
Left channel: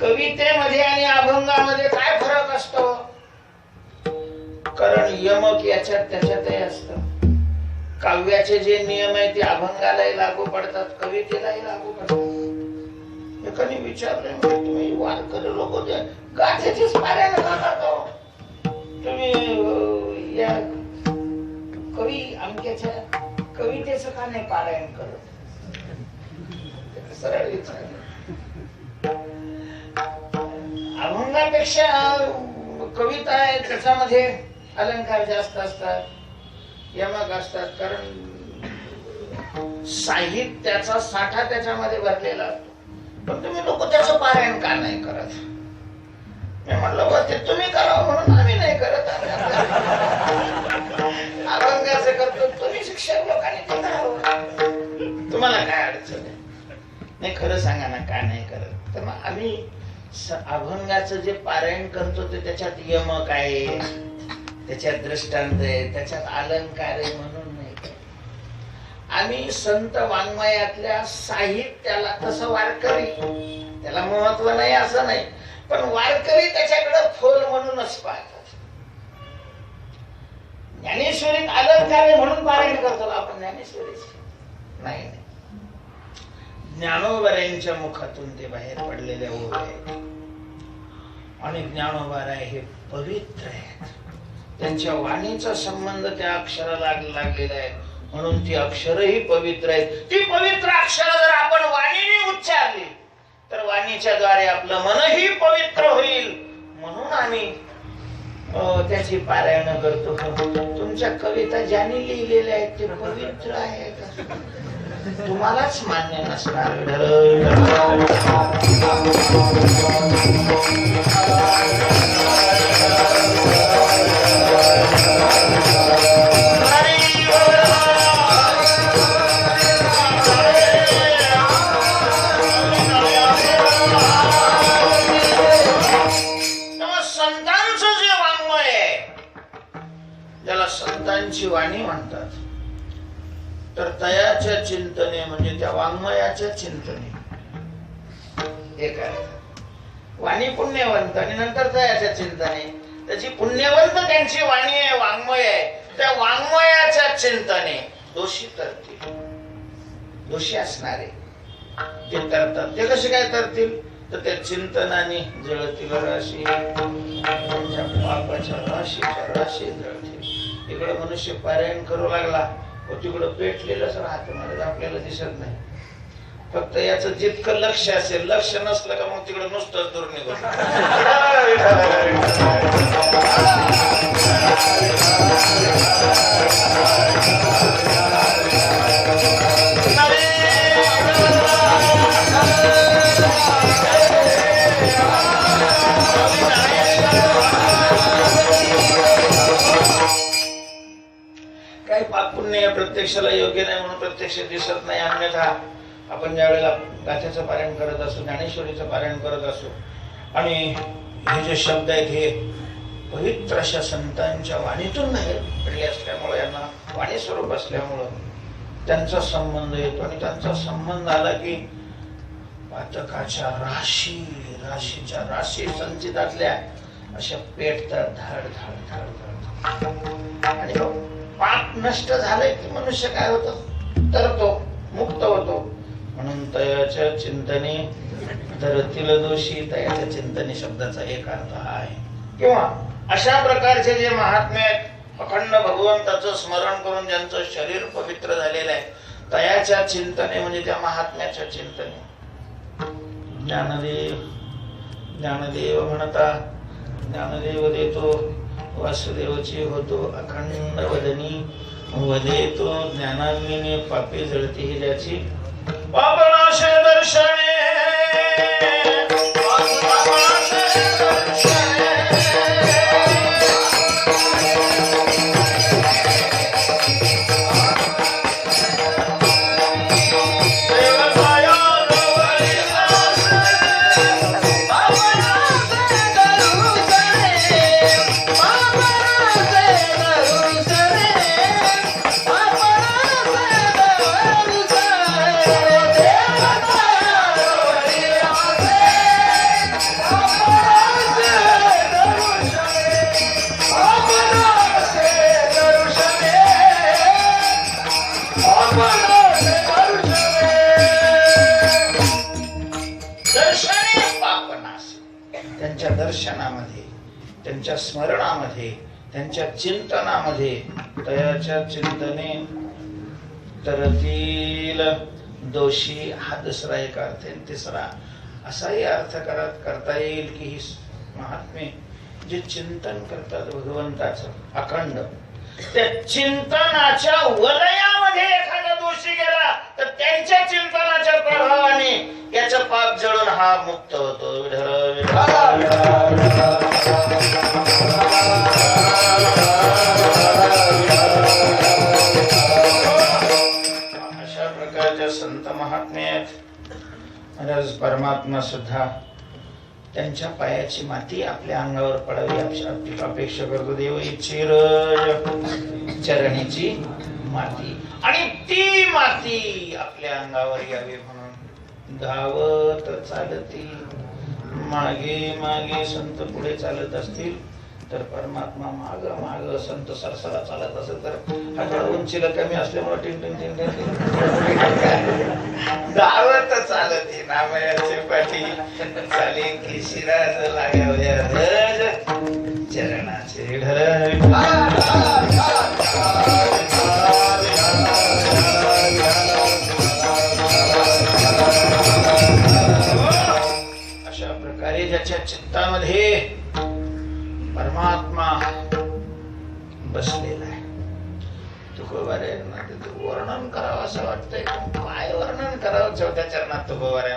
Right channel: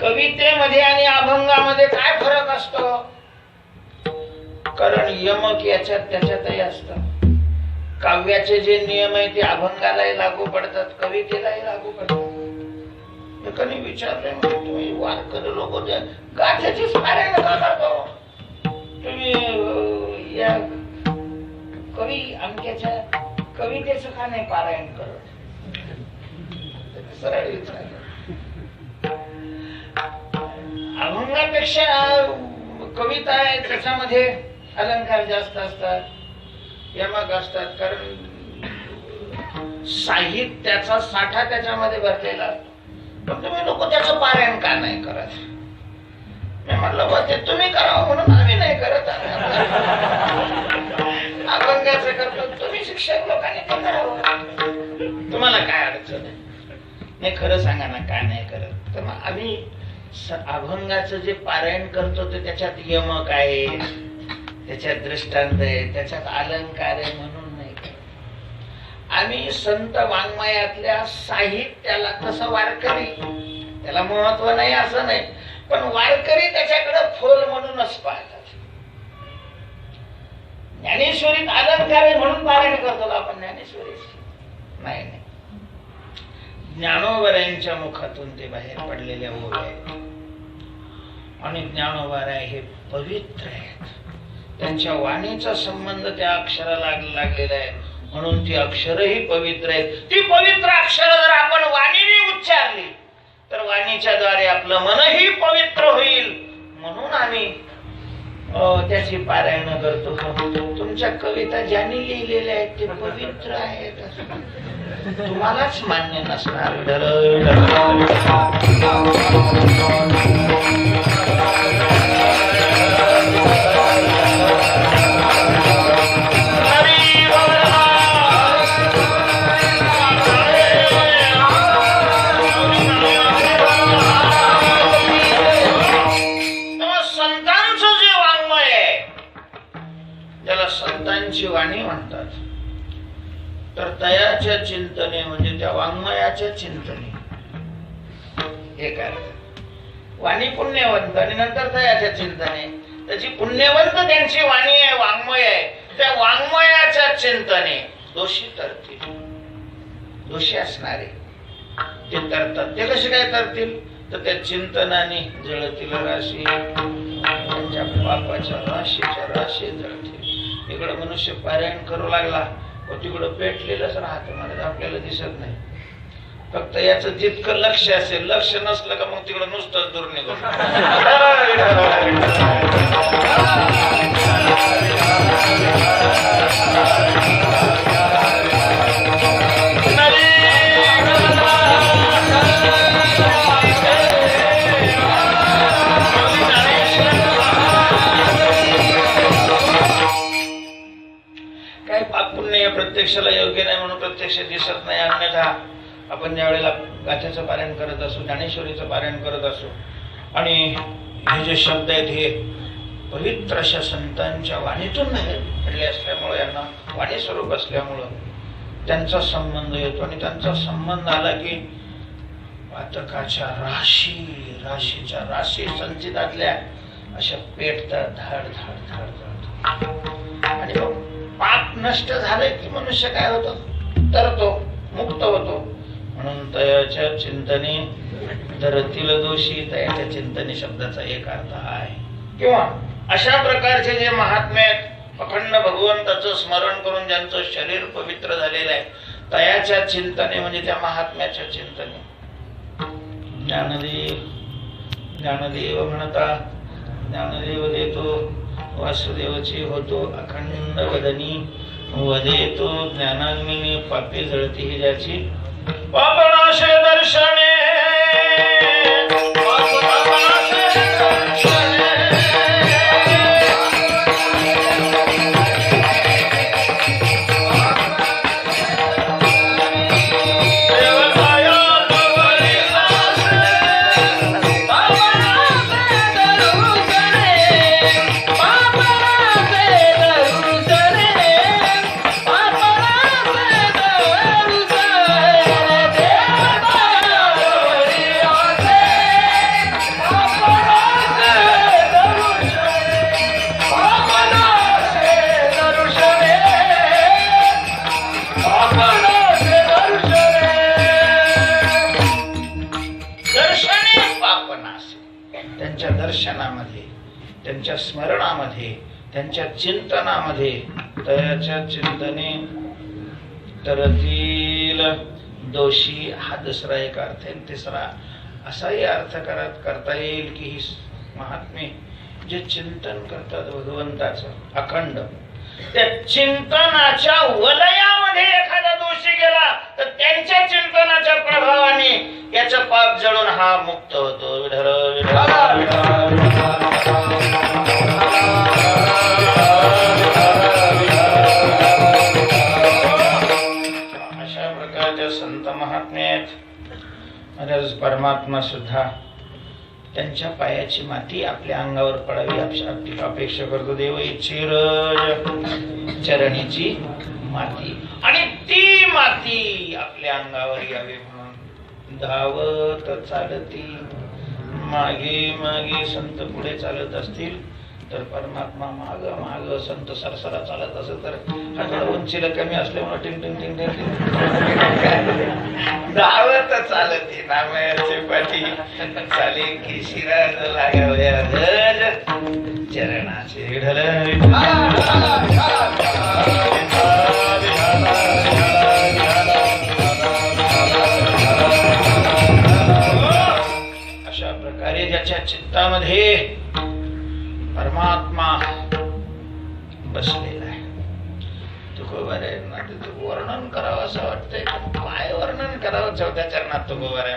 कवितेमध्ये आणि अभंगामध्ये काय फरक असतो? कारण यमक याच्यात त्याच्यातही असतं. काव्याचे जे नियम आहेत ते अभंगालाही लागू पडतात, कवितेलाही लागू पडतात. एकाने विचारले, तुम्ही वारकरी लोक गाथेचीच पारायण का करतो? तुम्ही या कवी अमक्याच्या कवितेचं का नाही पारायण करत? सरळ विचारलं. अभंगापेक्षा कविता आहे त्याच्यामध्ये अलंकार जास्त असतात, यमक असतात. कारण साहित्याचा साठा त्याच्यामध्ये भरलेला असतो. पण तुम्ही लोक त्याचं पारायण का नाही करत? मी म्हटलं ते तुम्ही करावं म्हणून आम्ही नाही करत. अभंगाचं करतो, तुम्ही शिक्षक लोकांनी ते करावं. तुम्हाला काय अडचण आहे? नाही खरं सांगा ना, काय नाही करत? तर मग आम्ही अभंगाचं जे पारायण करतो ते त्याच्यात यमक आहे, त्याच्यात दृष्टांत आहे, त्याच्यात अलंकार आहे म्हणून नाही करत. आम्ही संत वाङ्मयातल्या साहित्याला, तसं वारकरी त्याला महत्व नाही असं नाही, पण वारकरी त्याच्याकडे फोल म्हणूनच पाहतात. ज्ञानेश्वरीत अलंकार आहे म्हणून पारायण करतो आपण ज्ञानेश्वरीची नाही. ज्ञानोबरायांच्या मुखातून ते बाहेर पडलेले ओळ आहेत आणि ज्ञानोबा हे पवित्र आहेत. त्यांच्या वाणीचा संबंध त्या अक्षराला लागलेला आहे म्हणून ती अक्षरही पवित्र आहेत. ती पवित्र अक्षर जर आपण वाणीने उच्चारली तर वाणीच्या द्वारे आपलं मनही पवित्र होईल. म्हणून आम्ही त्याची पारायण करतो. तुमच्या कविता ज्यांनी लिहिलेल्या आहेत ते पवित्र आहेत, तुम्हालाच मान्य नसणार. संतांचं जे वाङ्मय आहे ज्याला संतांची वाणी म्हणतात, तर तयाच्या चिंतने म्हणजे त्या वाङ्मयाच्या चिंतने हे काय वाणी पुण्यवंत आणि नंतर तयाच्या चिंतने. त्याची पुण्यवंत त्यांची वाणी आहे, वाङ्मय आहे. त्या वाङ्मयाच्या चिंतने दोषी तरतील, दोषी असणारे ते तरतात. ते कसे काय तरतील? तर त्या चिंतनाने जळतील राशी, त्यांच्या पापाच्या राशीच्या राशी जळतील. इकडे मनुष्य पारायण करू लागला तिकडं पेटलेलंच राहतं, मला आपल्याला दिसत नाही. फक्त याचं जितकं लक्ष असेल, लक्ष नसलं का मग तिकडे नुसतंच दूर निघून. काही पाप पुण्य प्रत्यक्षाला योग्य नाही म्हणून प्रत्यक्ष दिसत नाही. अन्यथा आपण ज्या वेळेला गाथेचं पारायण करत असो, ज्ञानेश्वरीचं पारायण करत असो आणि हे जे शब्द आहेत हे पवित्र अशा संतांच्या वाणीतून घडले असल्यामुळे, यांना वाणी स्वरूप असल्यामुळं त्यांचा संबंध येतो आणि त्यांचा संबंध आला की पातकाच्या राशीच्या राशी संचितातल्या अशा पेटतात, धाड धाड धाड धाड. आणि मग पाप नष्ट झाले की मनुष्य काय होतो, तरतो, मुक्त होतो. म्हणून तयाच्या चिंतने धरतील दोषी, तयाच्या चिंतने शब्दाचा एक अर्थ आहे. किंवा अशा प्रकारचे जे महात्मे आहेत, अखंड भगवंताचं स्मरण करून ज्यांचं शरीर पवित्र झालेलं आहे, तयाच्या चिंतने म्हणजे त्या महात्म्याच्या चिंतने. ज्ञानदेव म्हणता, ज्ञानदेव देतो वासुदेवची होतो अखंड वदनी, वदेतो ज्ञानाग्नीने पापे जळती ही ज्याची पापनाशे दर्शने. त्यांच्या दर्शनामध्ये, त्यांच्या स्मरणामध्ये, त्यांच्या चिंतनामध्ये तयाच्या चिंतने तरतील दोषी हा दुसरा एक अर्थ आहे. तिसरा असाही अर्थ करता येईल की ही महात्मे जे चिंतन करतात भगवंताचं अखंड, त्या चिंतनाच्या वलयामध्ये एखादा दोषी गेला तर त्यांच्या चिंतनाच्या प्रभावाने याचं पाप जळून हा मुक्त होतो. अशा प्रकारच्या संत महात्मे आहेत. परमात्मा सुद्धा त्यांच्या पायाची माती आपल्या अंगावर पडावी अपेक्षा करतो. देव इच्छेर चरणीची माती, आणि ती माती आपल्या अंगावर यावी म्हणून धावत चालती मागे मागे संत पुढे चालत असतील तर परमात्मा माग माग संत सरसरा चालत असेल तर हा उंचीला कमी असल्यामुळे टिंग टिंग टिंग टिंग धावत चालती नामयाचे पाठी चाले की शिराज लागल्या धज चरणाचे विठ्ठल. अशा प्रकारे ज्याच्या चित्तामध्ये परमात्मा बसलेला आहे, तुकोबाऱ्यांना तिथं वर्णन करावं असं वाटतंय. काय वर्णन करावं चौथ्या चरणात तुकोबाऱ्या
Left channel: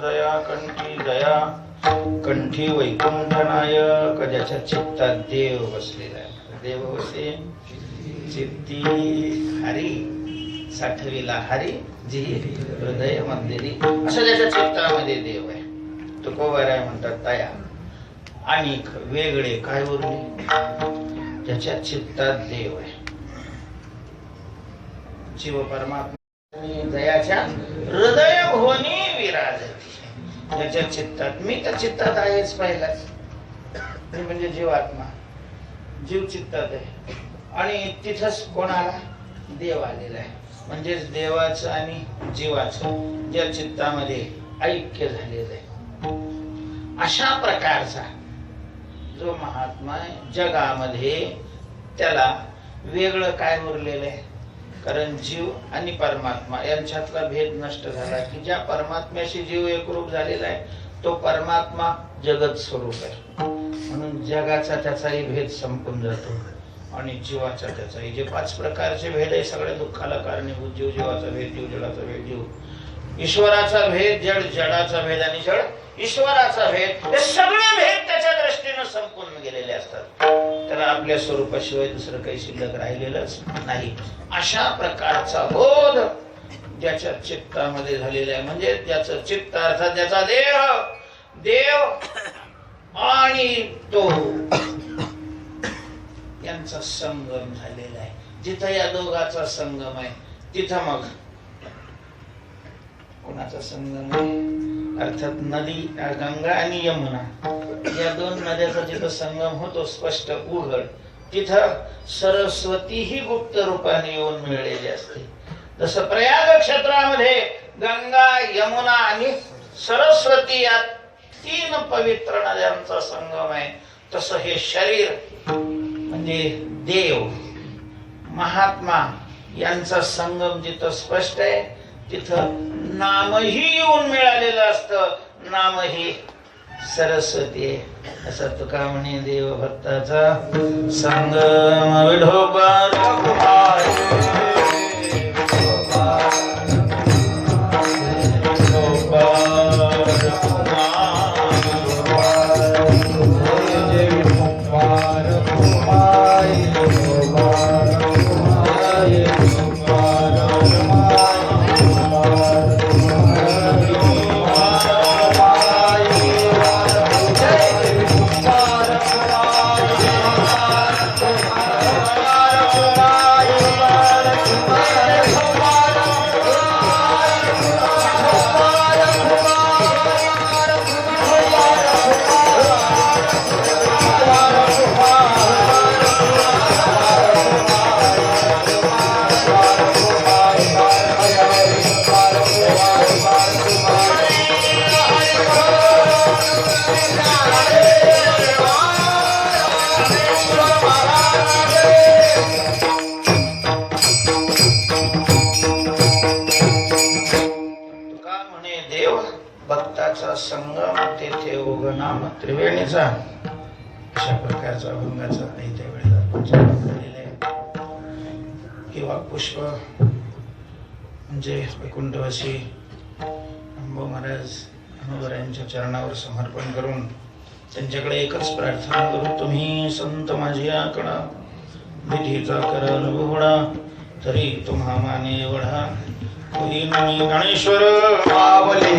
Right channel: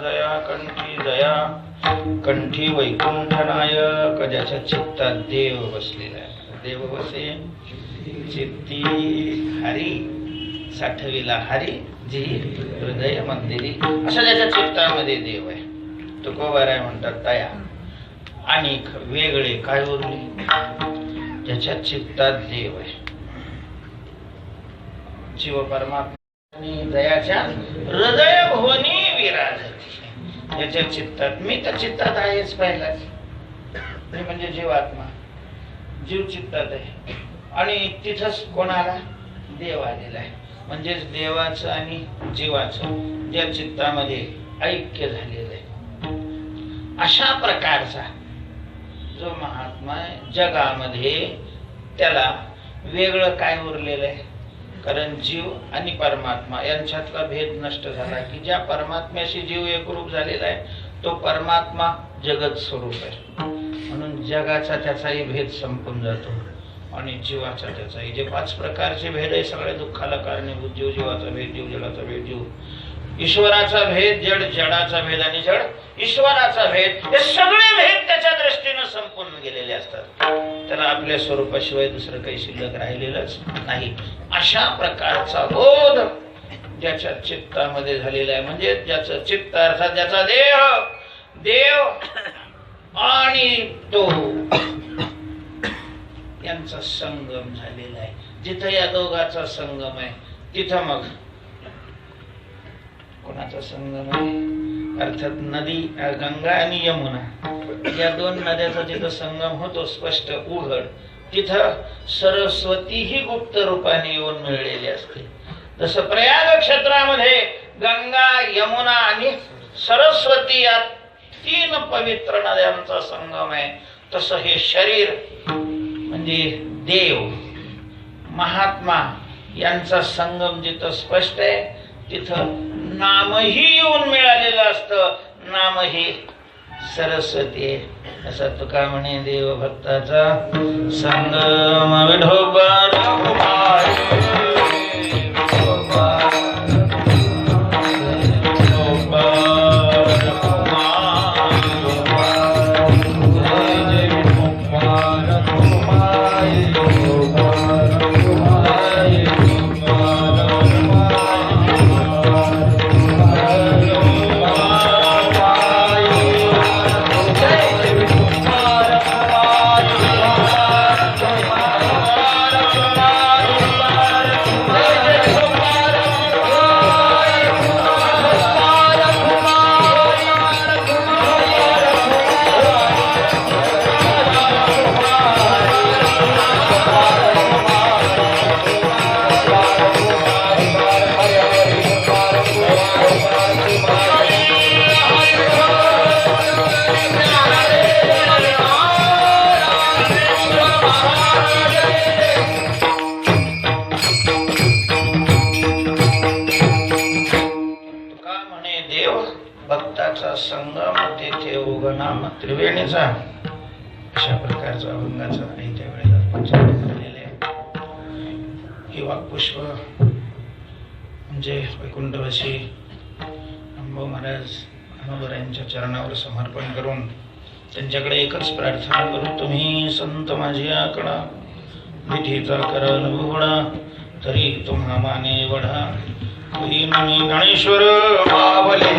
जया कंठी जया कंठी वैकुंठ नायक ज्याच्या चित्तात देव बसलेला आहे. देव बसे चित्ती हरी साठविला हरी जी हृदय मंदिरी. असं ज्याच्या चित्तामध्ये देव आहे. तुकोबाराय म्हणतात तया आणि वेगळे काय उरले ज्याच्या चित्तात देव आहे. जीव परमात्मा दयाच्या हृदय भुवनी विराजती. त्याच्या चित्तात मी तर चित्तात आहेच पहिलाच. मी म्हणजे जीवात्मा जीव चित्तात आहे आणि तिथंच कोणाला देव आलेला आहे. म्हणजेच देवाचं आणि जीवाचं ज्या चित्तामध्ये ऐक्य झालेलं आहे अशा प्रकारचा जो महात्मा आहे जगामध्ये त्याला वेगळं काय उरलेलं आहे. कारण जीव आणि परमात्मा यांच्यातला भेद नष्ट झाला की ज्या परमात्म्याशी जीव एकरूप झालेला आहे तो परमात्मा जगत स्वरूप आहे. म्हणून जगाचा त्याचाही भेद संपून जातो आणि जीवाचा त्याचाही. जे 5 प्रकारचे भेद आहे सगळ्या दुःखाला कारणीभूत जीव जीवाचा भेद जीव जडाचा भेद जीव ईश्वराचा भेद जड जडाचा भेद आणि जड ईश्वराचा भेद हे सगळे भेद त्याच्या दृष्टीने संपून गेलेले असतात. त्याला आपल्या स्वरूपाशिवाय दुसरं काही शिल्लक राहिलेलंच नाही. अशा प्रकारचा बोध ज्याच्या चित्तामध्ये झालेला आहे म्हणजे ज्याचं चित्त अर्थात ज्याचा देव आणि तो यांचा संगम झालेला आहे. जिथं या दोघाचा संगम आहे तिथं मग कोणाचा संगम आहे अर्थात नदी गंगा आणि यमुना या 2 नद्याचा जिथं संगम होतो स्पष्ट उघड तिथं सरस्वती ही गुप्त रूपाने येऊन मिळलेली असते. जसं प्रयाग क्षेत्रामध्ये गंगा यमुना आणि सरस्वती या 3 पवित्र नद्यांचा संगम आहे तसं हे शरीर म्हणजे देव महात्मा यांचा संगम जिथं स्पष्ट आहे तिथं नामही येऊन मिळालेलं असतं. नामही सरस्वती आहे. असं तुका म्हणे देव भक्ताचा संगम विठोबा भक्ताचा संगम तेथे उगनाम त्रिवेणीचा. अशा प्रकारचा अभंगाचा नाही त्यावेळेला उच्चारण केलेला आहे. किंवा पुष्प म्हणजे वैकुंठवासी अंबो महाराज हनुवरायांच्या चरणावर समर्पण करून त्यांच्याकडे एकच प्रार्थना करू. तुम्ही संत माझी आकडा विधीचा कराल उघडा तरी तुम्हा माने वढा. ज्ञानेश्वर मावले